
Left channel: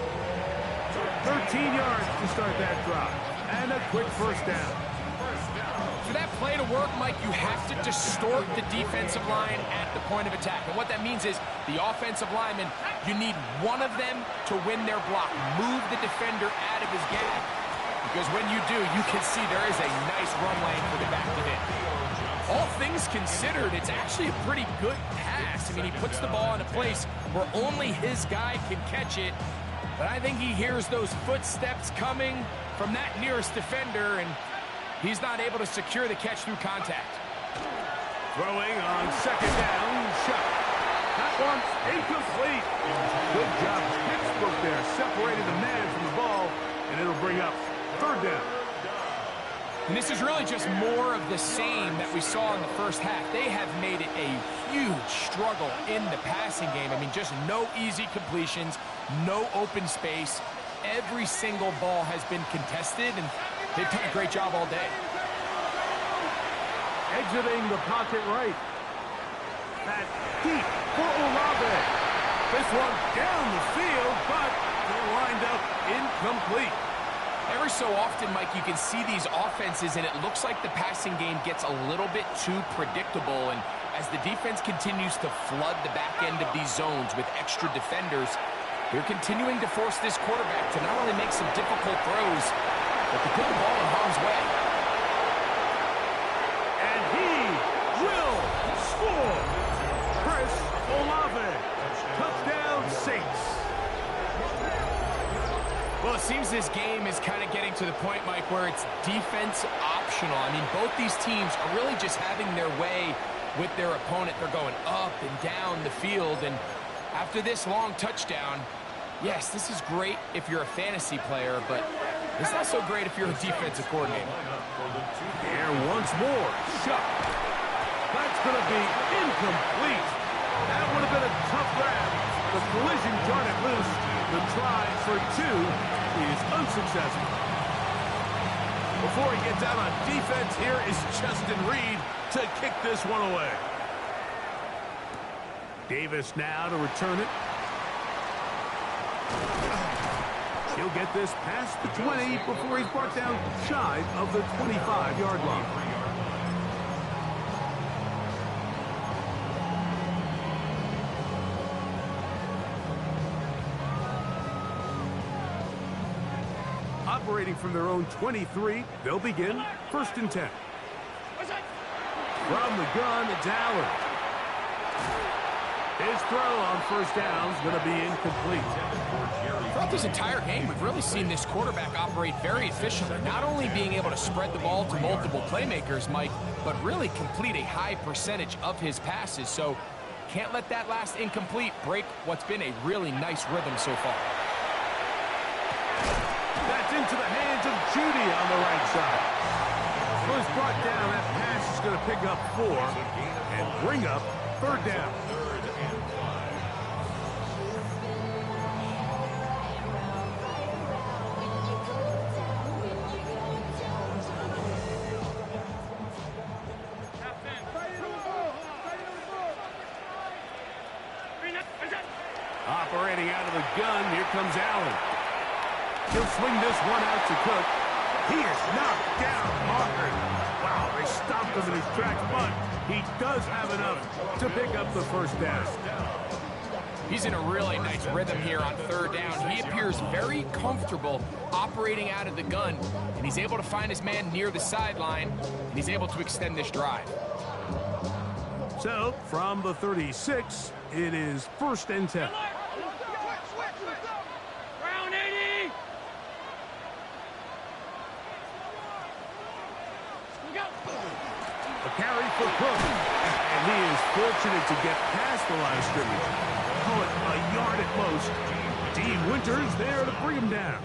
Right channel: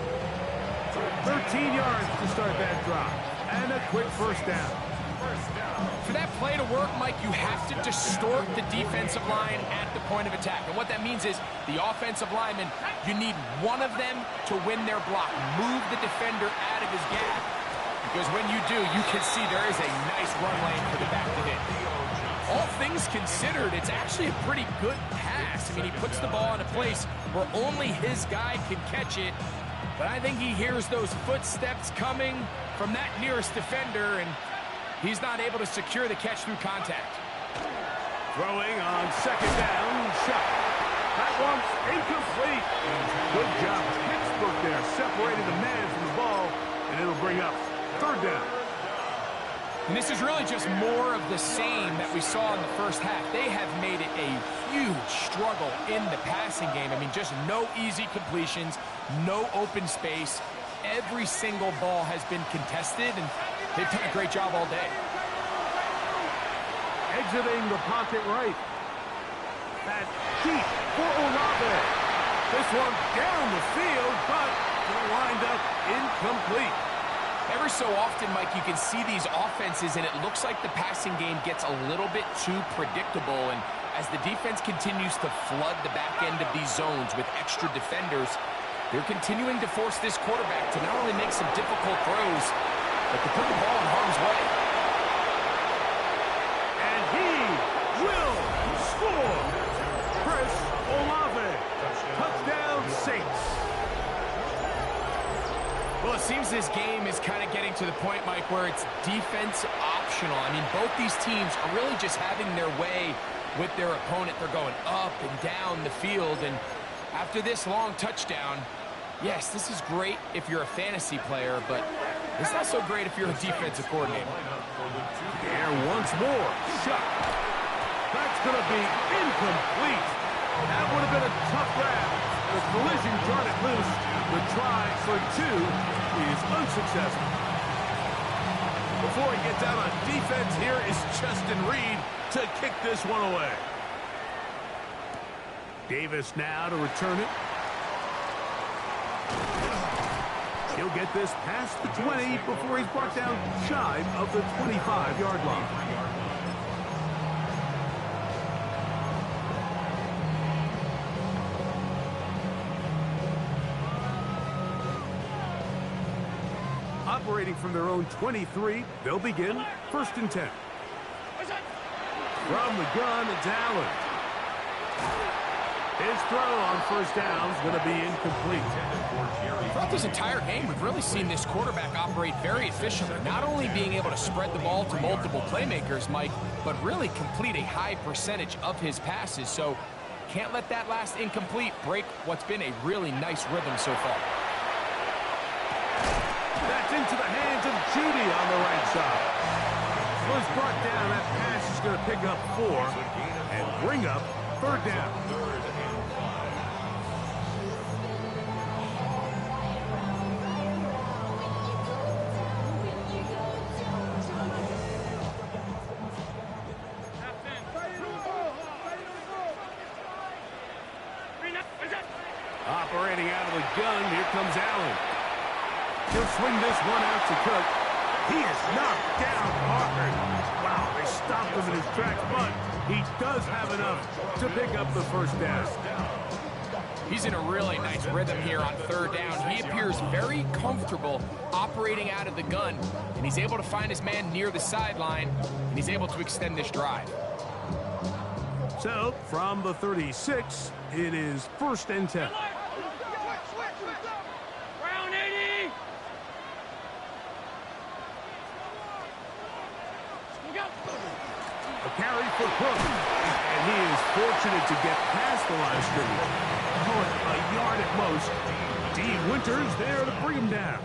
13 yards to start that drive. And a quick 1st down. For that play to work, Mike, you have to distort the defensive line at the point of attack. And what that means is the offensive lineman, you need one of them to win their block. Move the defender out of his gap. Because when you do, you can see there is a nice run lane for the back to hit. All things considered, it's actually a pretty good pass. I mean, he puts the ball in a place where only his guy can catch it. But I think he hears those footsteps coming from that nearest defender, and he's not able to secure the catch through contact. Throwing on 2nd down, shot. That one's incomplete. Good job. Textbook there, separating the man from the ball, and it'll bring up 3rd down. And this is really just more of the same that we saw in the first half. They have made it a huge struggle in the passing game. I mean, just no easy completions, no open space. Every single ball has been contested, and they've done a great job all day. Exiting the pocket right. That deep for Olave. This one down the field, but lined up incomplete. Every so often, Mike, you can see these offenses, and it looks like the passing game gets a little bit too predictable. And as the defense continues to flood the back end of these zones with extra defenders, they're continuing to force this quarterback to not only make some difficult throws, but to put the ball in harm's way. And he will score. Chris Olave. Touchdown, Saints. Well, it seems this game is kind of getting to the point, Mike, where it's defense optional. I mean, both these teams are really just having their way with their opponent. They're going up and down the field, and after this long touchdown, yes, this is great if you're a fantasy player, but it's not so great if you're a defensive coordinator. Here once more. Shot. That's going to be incomplete. That would have been a tough grab. The collision jarred it loose. The try for two is unsuccessful. Before he gets out on defense, here is Justin Reed to kick this one away. Davis now to return it. He'll get this past the 20 before he's brought down shy of the 25-yard line. Operating from their own 23, they'll begin 1st and 10. From the gun, it's Allen. His throw on first down is going to be incomplete. Throughout this entire game, we've really seen this quarterback operate very efficiently, not only being able to spread the ball to multiple playmakers, Mike, but really complete a high percentage of his passes. So can't let that last incomplete break what's been a really nice rhythm so far. That's into the hands of Judy on the right side. Well, he's brought down. That pass is going to pick up 4 and bring up 3rd down. Operating out of the gun, here comes Allen. He'll swing this one out to Cook. He is knocked down hard. Wow, they stopped him in his tracks, but he does have enough to pick up the first down. He's in a really nice rhythm here on 3rd down. He appears very comfortable operating out of the gun, and he's able to find his man near the sideline, and he's able to extend this drive. So, from the 36, it is 1st and 10. A carry for Cook, and he is fortunate to get past the line of scrimmage. Call it a yard at most. D. Winters there to bring him down.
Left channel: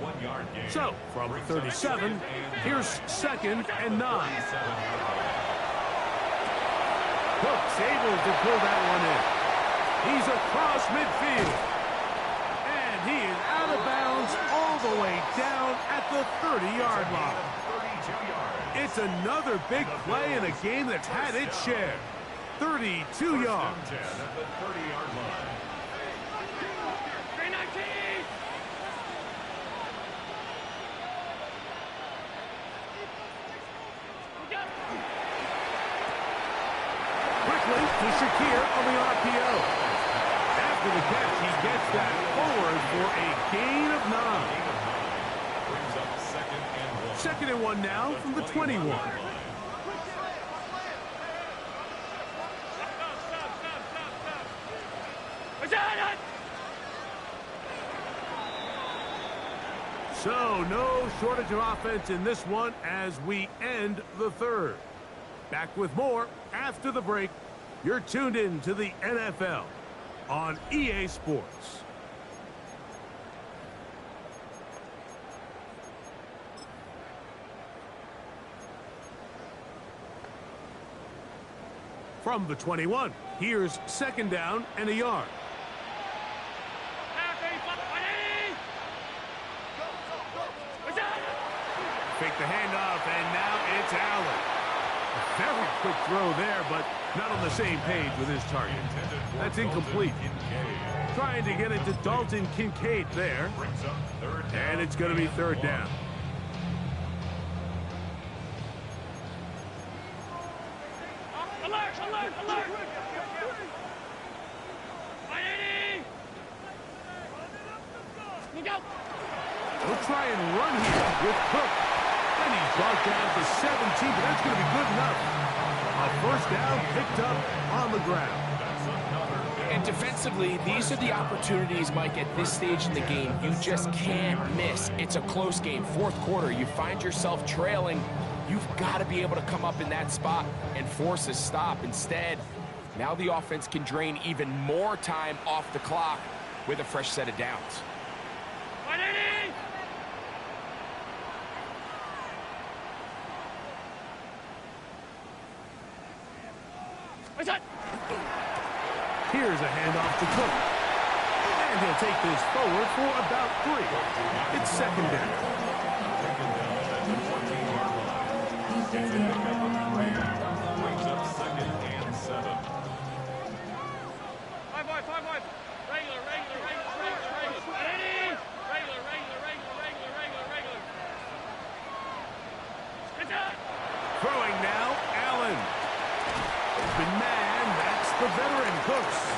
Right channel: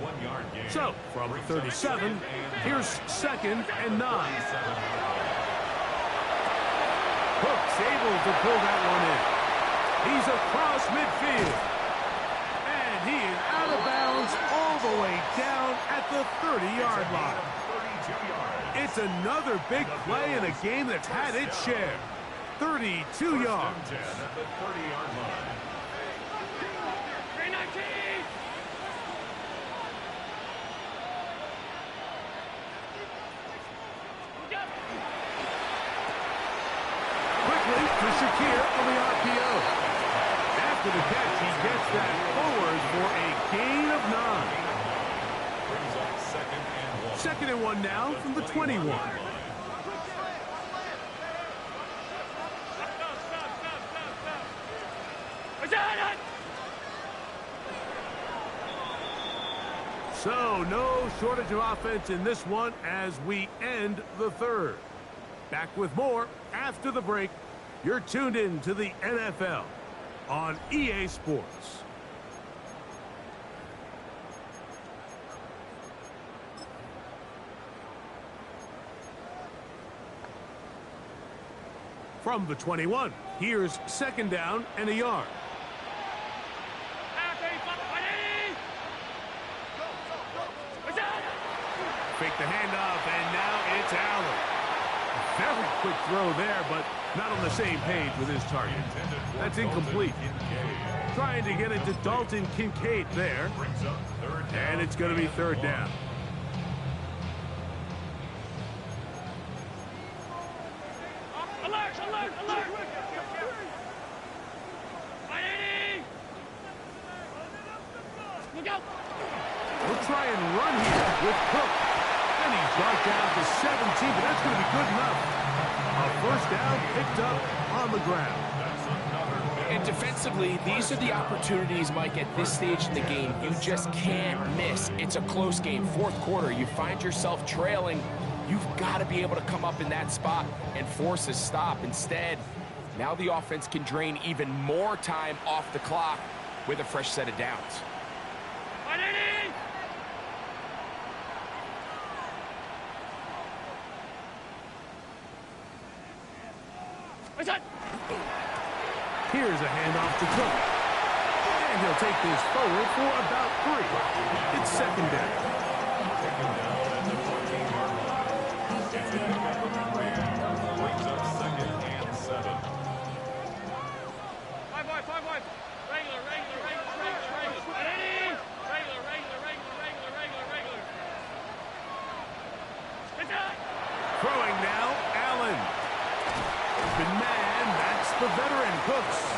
1 yard gain. So, from the 37, here's 2nd and 9. Cook's able to pull that one in. He's across midfield. And he is out of bounds all the way down at the 30-yard line. It's another big play in a game that's had its share. 32 yards. At the 30-yard line. Quickly to Shakir on the RPO. After the catch, he gets that forward for a gain of 9. Brings up 2nd and 1. 2nd and 1 now from the 21. So, no shortage of offense in this one as we end the 3rd. Back with more after the break. You're tuned in to the NFL on EA Sports. From the 21, here's second down and a yard. Fake the handoff, and now it's Allen. A very quick throw there, but not on the same page with his target. That's incomplete. Trying to get it to Dalton Kincaid there. And it's going to be third down. Alert, alert, alert! Look out! He'll try and run here with Cook. And he's brought down to 17, but that's going to be good enough. A first down picked up on the ground. And defensively, these are the opportunities, Mike, at this stage in the game you just can't miss. It's a close game. Fourth quarter, you find yourself trailing. You've got to be able to come up in that spot and force a stop. Instead, now the offense can drain even more time off the clock with a fresh set of downs. Here's a handoff to Cook. And he'll take this forward for about 3. It's second down. Taken down at the 14-yard line. It's a pickup of 3. Brings up second and 7. 5 wide, 5 wide. Regular, regular, regular, regular, regular. Regular, regular, regular, regular, regular, regular. It's out. Throwing now, Allen. Open man, that's the veteran Cooks.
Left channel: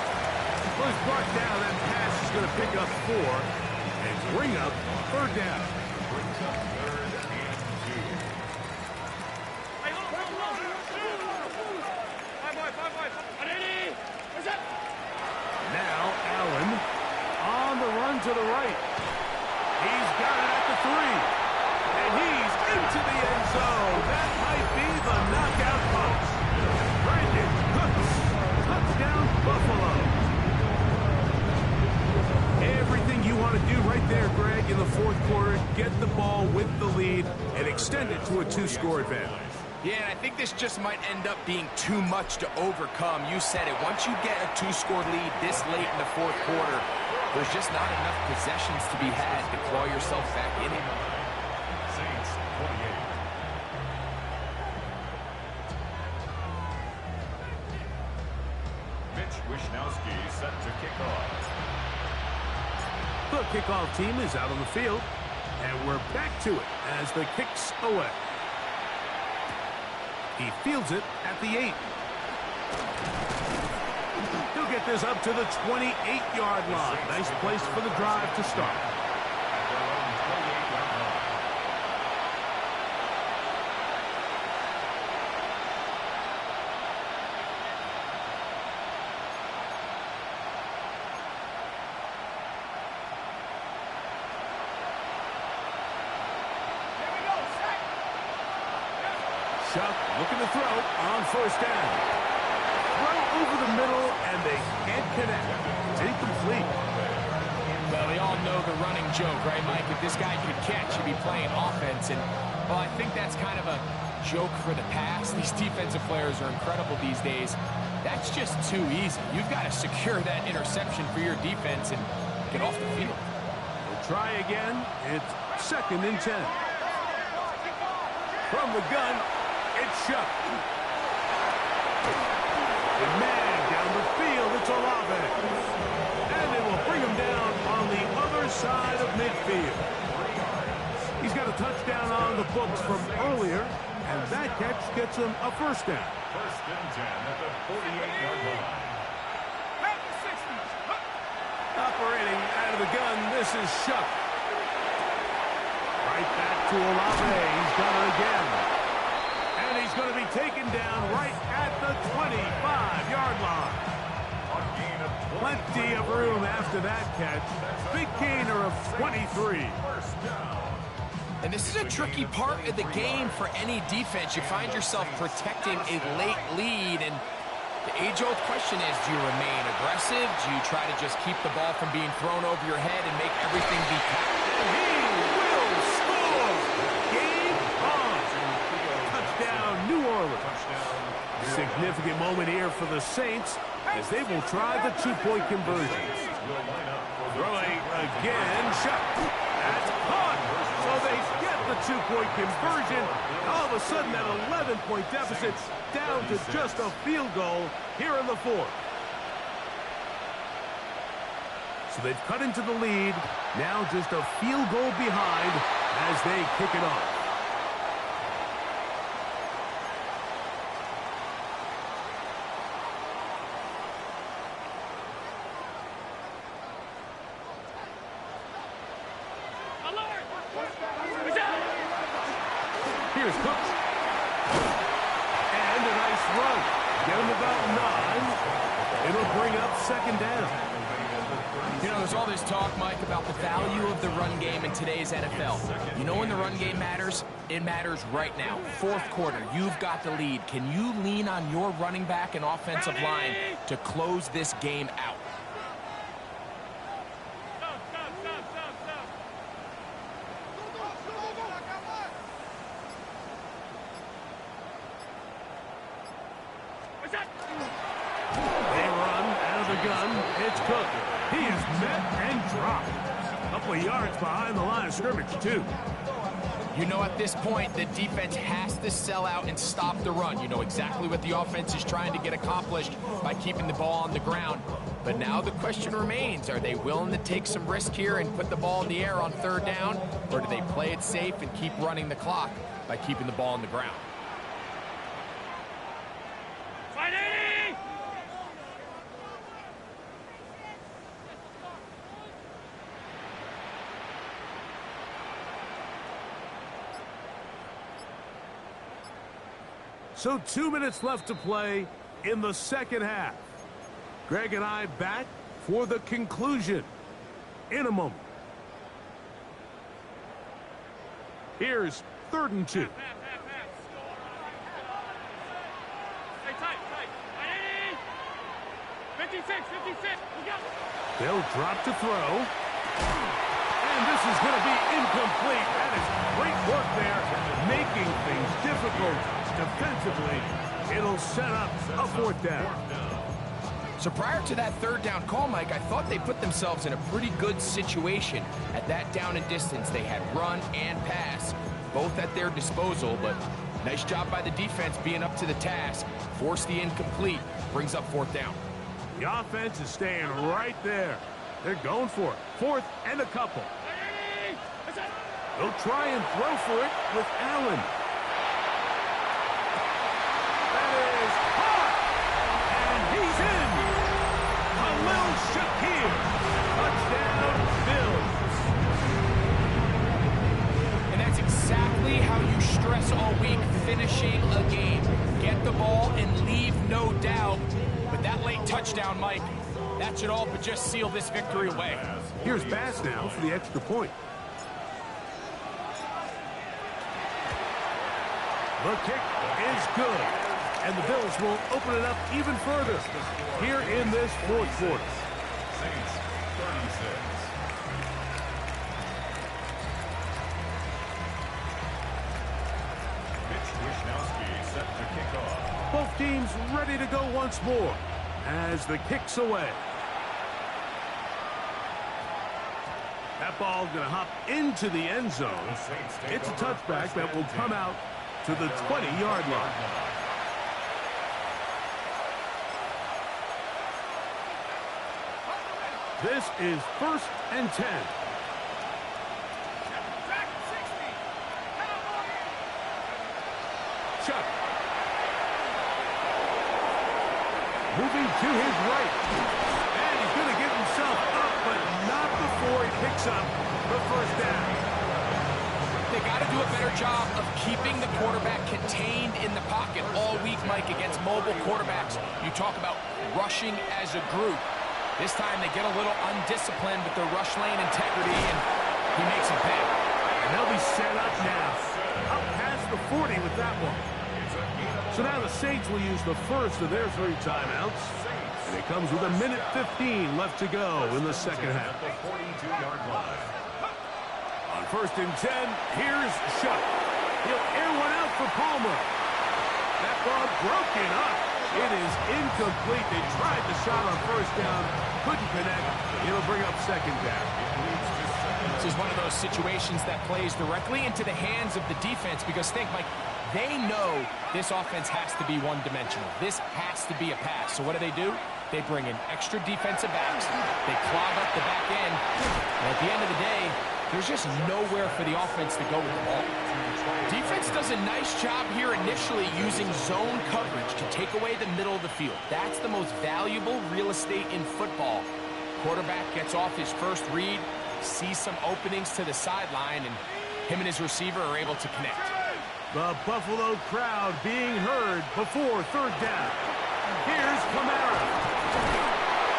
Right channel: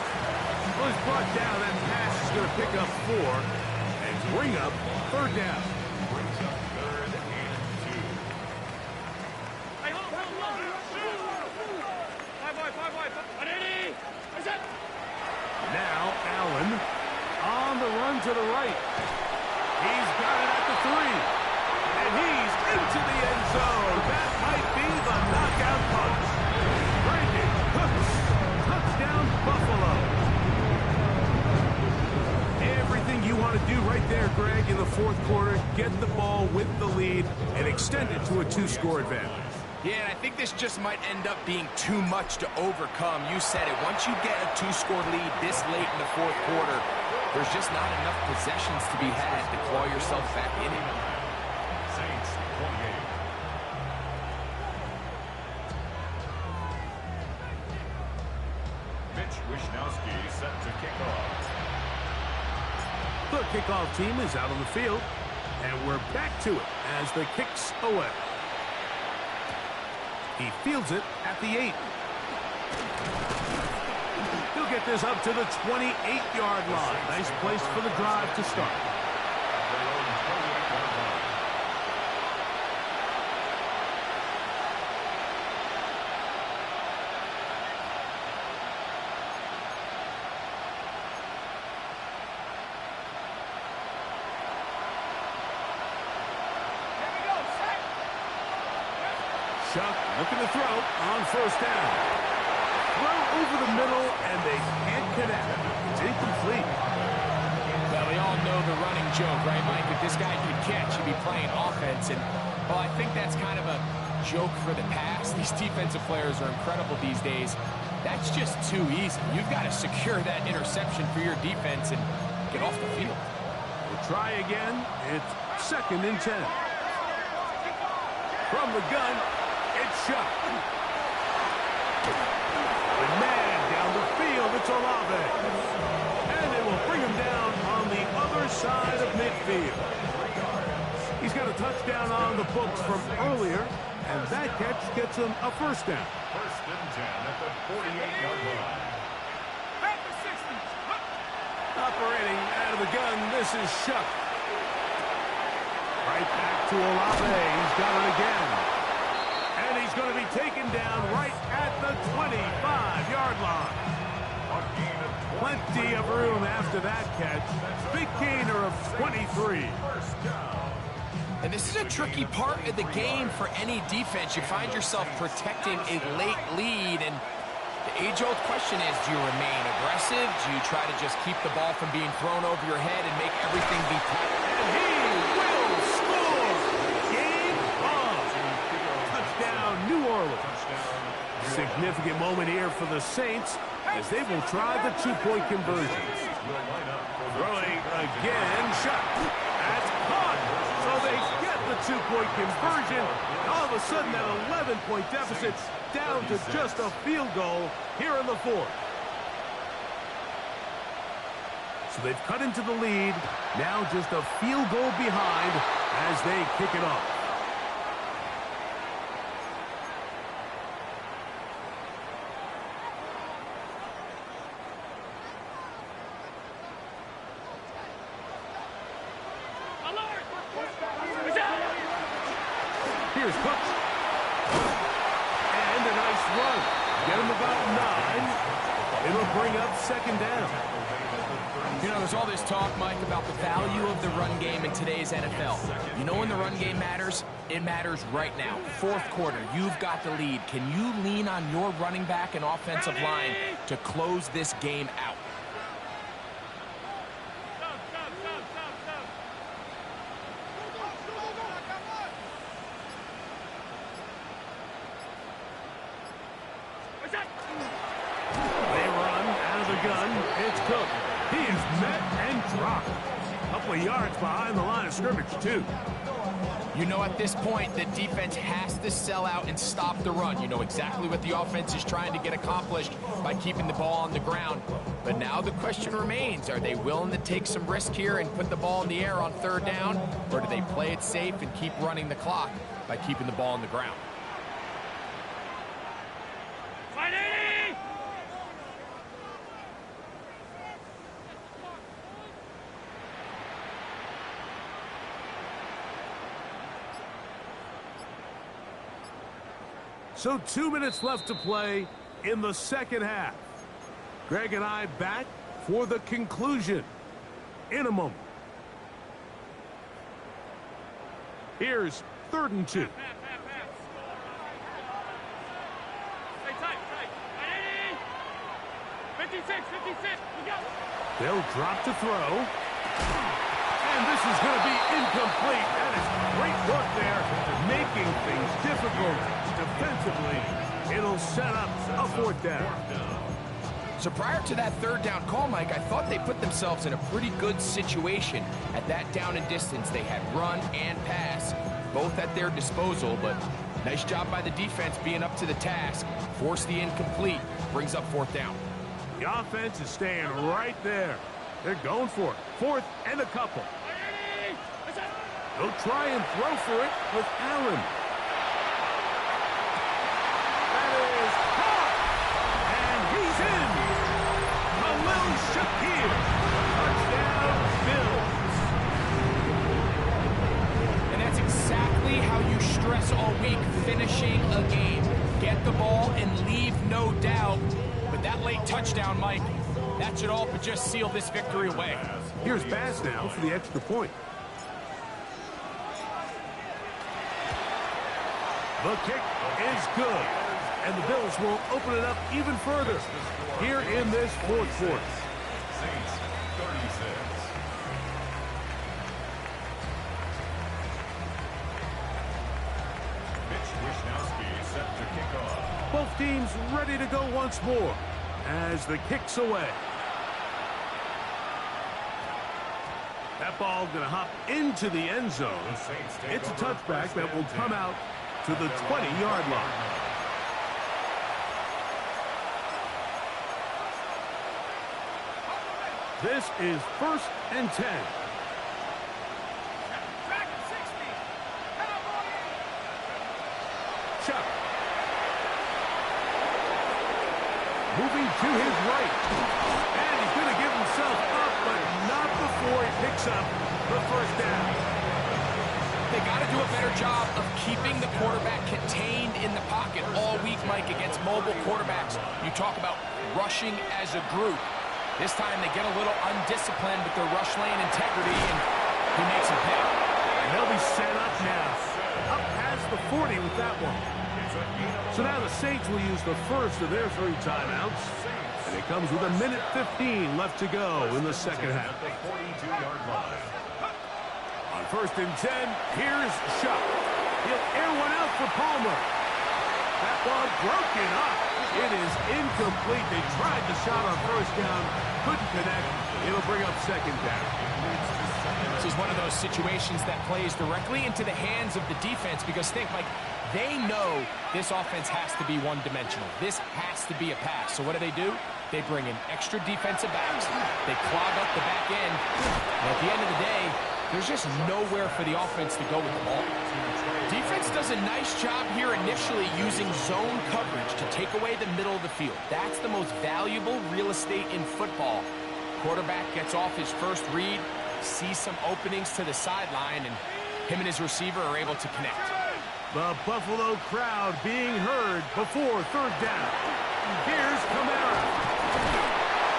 Well, he's brought down. That pass is going to pick up 4 and bring up third down. Brings up third and 2. Hey, hold on. 5 wide, 5 wide. What's that? Now Allen on the run to the right. He's got it at the 3. And he's into the end zone. That might be the knockout punch. Brandon Cooks, touchdown Buffalo. Everything you want to do right there, Greg, in the fourth quarter, get the ball with the lead and extend it to a 2-score advantage. Yeah, and I think this just might end up being too much to overcome. You said it. Once you get a 2-score lead this late in the fourth quarter, there's just not enough possessions to be had to claw yourself back in it. Saints 28. Mitch Wishnowsky set to kick off. The kickoff team is out on the field, and we're back to it as the kick's away. He fields it at the 8. He'll get this up to the 28-yard line. Nice place for the drive to start. At their own 28-yard line. Chuck looking to throw on first down. Throw over the middle, and they can't connect. It's incomplete. Well, we all know the running joke, right, Mike? If this guy could catch, he'd be playing offense. And, well, I think that's kind of a joke for the past. These defensive players are incredible these days. That's just too easy. You've got to secure that interception for your defense and get off the field. We'll try again. It's second and 10. From the gun, it's Chuck. The man down the field, it's Olave. And they will bring him down on the other side of midfield. He's got a touchdown on the books from earlier, and that catch gets him a first down. First and 10 at the 48-yard line. Operating out of the gun, this is Chuck. Right back to Olave. He's got it again. And he's going to be taken down right at the 25-yard line. A gain of 20. Plenty of room after that catch. Big gainer of 23. First down. And this is a tricky part of the game for any defense. You find yourself protecting a late lead, and the age-old question is, do you remain aggressive? Do you try to just keep the ball from being thrown over your head and make everything be tackled? And he will score! Game on! Touchdown, New Orleans. Significant moment here for the Saints as they will try the two-point conversion. Throwing again, shot. That's caught. So they get the two-point conversion. All of a sudden, that 11-point deficit down to just a field goal here in the fourth. So they've cut into the lead. Now just a field goal behind as they kick it off. Here's Cooks. And a nice run. Get him about 9. It'll bring up second down. You know, there's all this talk, Mike, about the value of the run game in today's NFL. You know when the run game matters? It matters right now. Fourth quarter, you've got the lead. Can you lean on your running back and offensive line to close this game out? They run out of the gun. It's Cook. He is met and dropped. A couple of yards behind the line of scrimmage, too. You know, at this point, the defense has to sell out and stop the run. You know exactly what the offense is trying to get accomplished by keeping the ball on the ground. But now the question remains, are they willing to take some risk here and put the ball in the air on third down? Or do they play it safe and keep running the clock by keeping the ball on the ground? So 2 minutes left to play in the second half. Greg and I back for the conclusion in a moment. Here's 3rd and 2. Stay tight. 56. We go. They'll drop to throw. And this is going to be incomplete. That is great work there, making things difficult defensively. It'll set up a 4th down. So prior to that 3rd down call, Mike, I thought they put themselves in a pretty good situation. At that down and distance, they had run and pass, both at their disposal, but nice job by the defense being up to the task. Force the incomplete, brings up 4th down. The offense is staying right there. They're going for it. 4th and a couple. They'll try and throw for it with Allen. That is caught. And he's in. Khalil Shakir. Touchdown, Bills. And that's exactly how you stress all week, finishing a game. Get the ball and leave no doubt. But that late touchdown, Mike, that should all but just seal this victory away. Here's Bass now for the extra point. The kick is good. And the Bills will open it up even further here in this 4th quarter. Saints 36. Mitch Wishnowsky set to kick off. Both teams ready to go once more as the kick's away. That ball going to hop into the end zone. It's a touchback that will come out to the 20-yard line. This is 1st and 10. Chuck. Moving to his right. And he's going to give himself up, but not before he picks up the 1st down. They got to do a better job of keeping the quarterback contained in the pocket all week, Mike, against mobile quarterbacks. You talk about rushing as a group. This time they get a little undisciplined with their rush lane integrity, and he makes them pay. And they'll be set up now. Up past the 40 with that one. So now the Saints will use the first of their 3 timeouts. And it comes with 1:15 left to go in the second half. On 1st and 10, here's Shuck. He'll air one out for Palmer. That ball broken up. It is incomplete. They tried the shot on first down, couldn't connect. It'll bring up second down. This is one of those situations that plays directly into the hands of the defense because think, Mike, they know this offense has to be one-dimensional. This has to be a pass. So what do? They bring in extra defensive backs. They clog up the back end. And at the end of the day, there's just nowhere for the offense to go with the ball. Defense does a nice job here initially using zone coverage to take away the middle of the field. That's the most valuable real estate in football. Quarterback gets off his first read, sees some openings to the sideline, and him and his receiver are able to connect. The Buffalo crowd being heard before third down. Here's Kamara.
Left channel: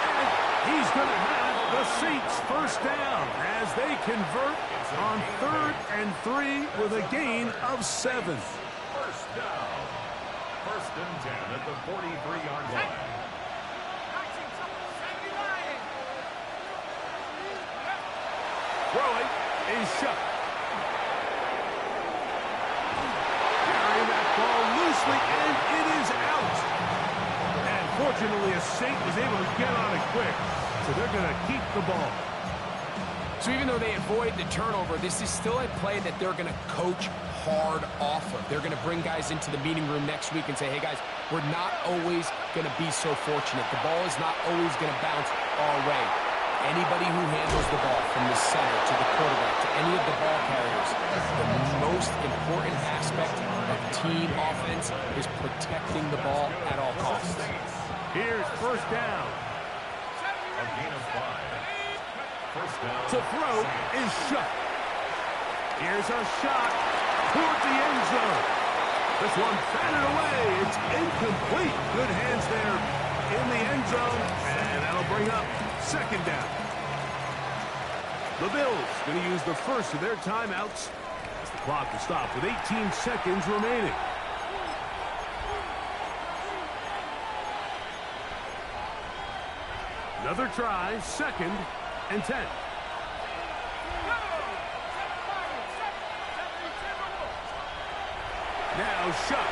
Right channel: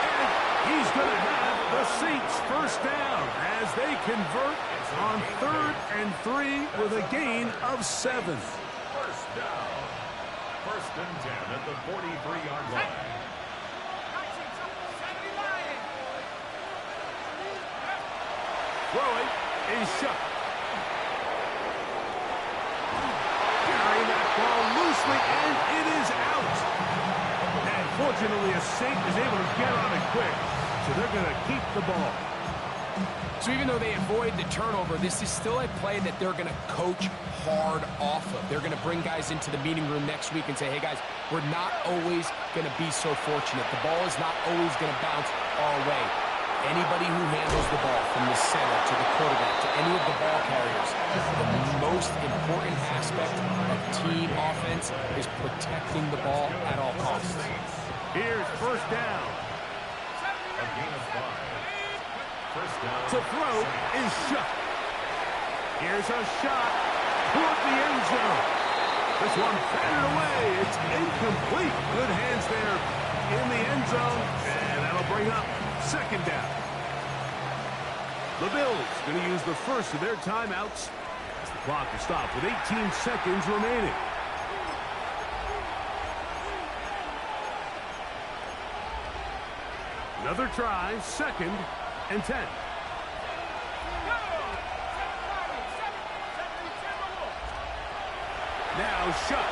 And he's going to have the Saints first down as they convert on 3rd and 3 with a gain of 7. First down. 1st and 10 at the 43-yard line. Throwing is shut. Carrying that ball loosely, and it is out. And fortunately, a Saint is able to get on it quick, so they're going to keep the ball. So even though they avoid the turnover, this is still a play that they're going to coach hard off of. They're going to bring guys into the meeting room next week and say, hey, guys, we're not always going to be so fortunate. The ball is not always going to bounce our way. Anybody who handles the ball from the center to the quarterback to any of the ball carriers, the most important aspect of team offense is protecting the ball at all costs. Here's first down. A gain of 5. First down. To throw is shut. Here's a shot toward the end zone. This one batted away. It's incomplete. Good hands there in the end zone, and that'll bring up second down. The Bills going to use the first of their timeouts as the clock will stop with 18 seconds remaining. Another try, 2nd and 10. Now shut.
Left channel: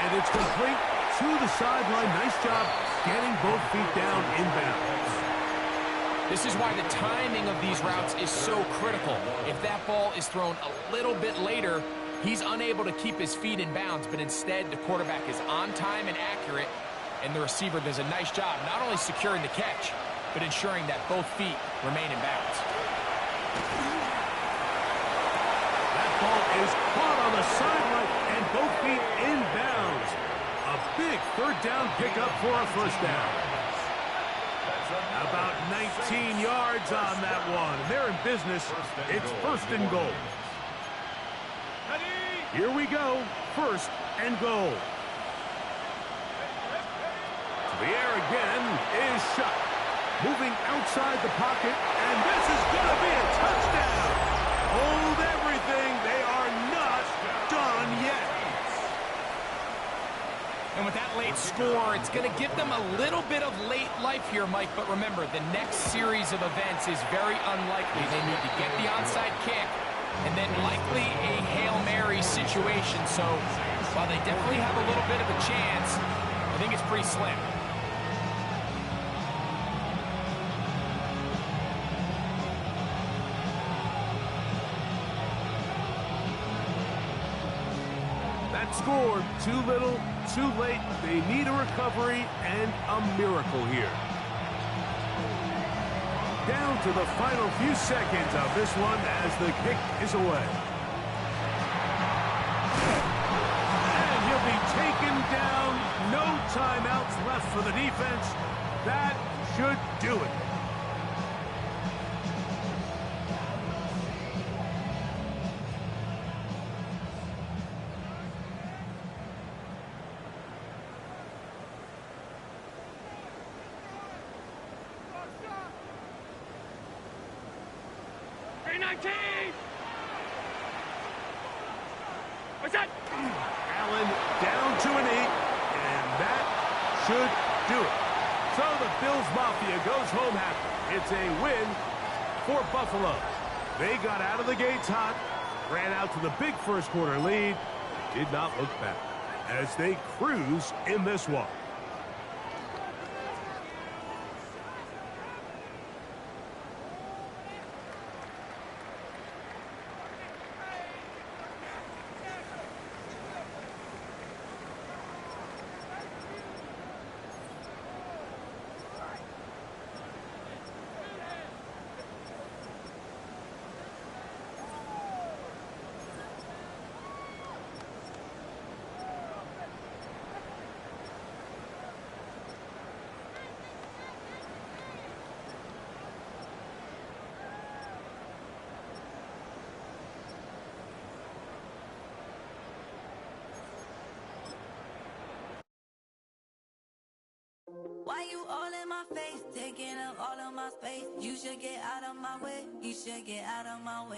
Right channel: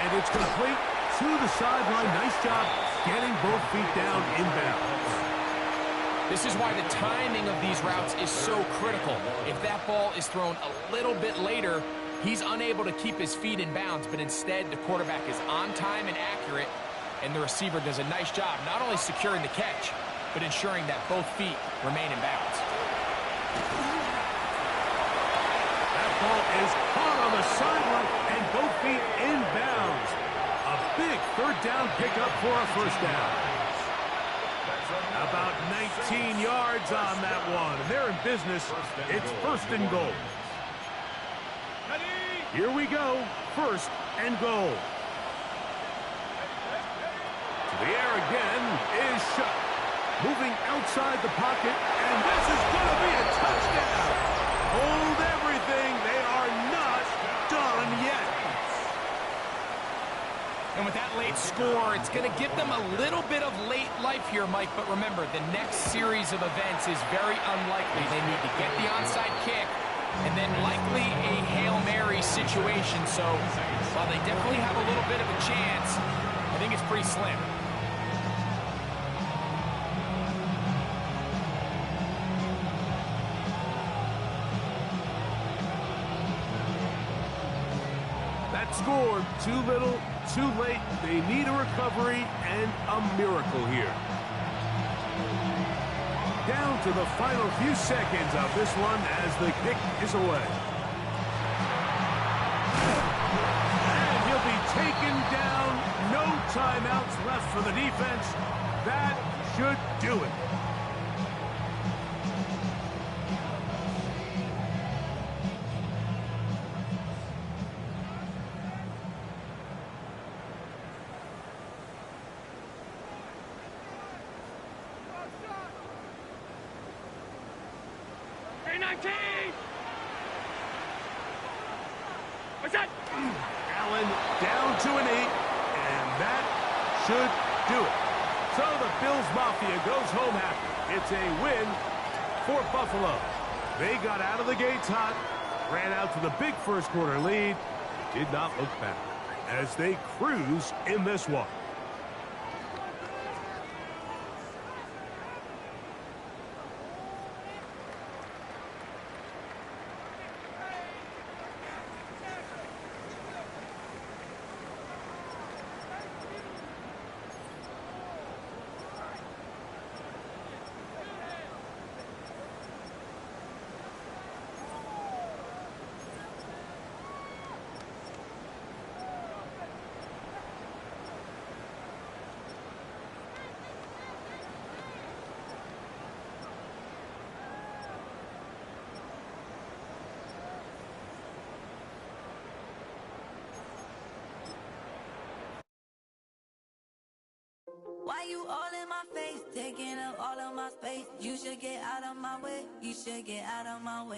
And it's complete to the sideline. Nice job getting both feet down inbounds. This is why the timing of these routes is so critical. If that ball is thrown a little bit later, he's unable to keep his feet in bounds, but instead the quarterback is on time and accurate, and the receiver does a nice job not only securing the catch, but ensuring that both feet remain in bounds. That ball is caught on the sideline, and both feet in bounds. A big third down pickup for a first down. About 19 yards on that one. They're in business. It's 1st and goal. Here we go. 1st and goal. To the air again is shut. Moving outside the pocket, and this is going to be a touchdown. Hold everything. They are not done yet. And with that late score, it's going to give them a little bit of late life here, Mike. But remember, the next series of events is very unlikely. They need to get the onside kick and then likely a Hail Mary situation. So while they definitely have a little bit of a chance, I think it's pretty slim. That score, too little, too late. They need a recovery and a miracle here. Down to the final few seconds of this one as the kick is away. And he'll be taken down. No timeouts left for the defense. That should do it. What's that? Allen down to an 8, and that should do it. So the Bills Mafia goes home happy. It's a win for Buffalo. They got out of the gates hot, ran out to the big first quarter lead, did not look back. as they cruise in this one. Why you all in my face, taking up all of my space? You should get out of my way, you should get out of my way.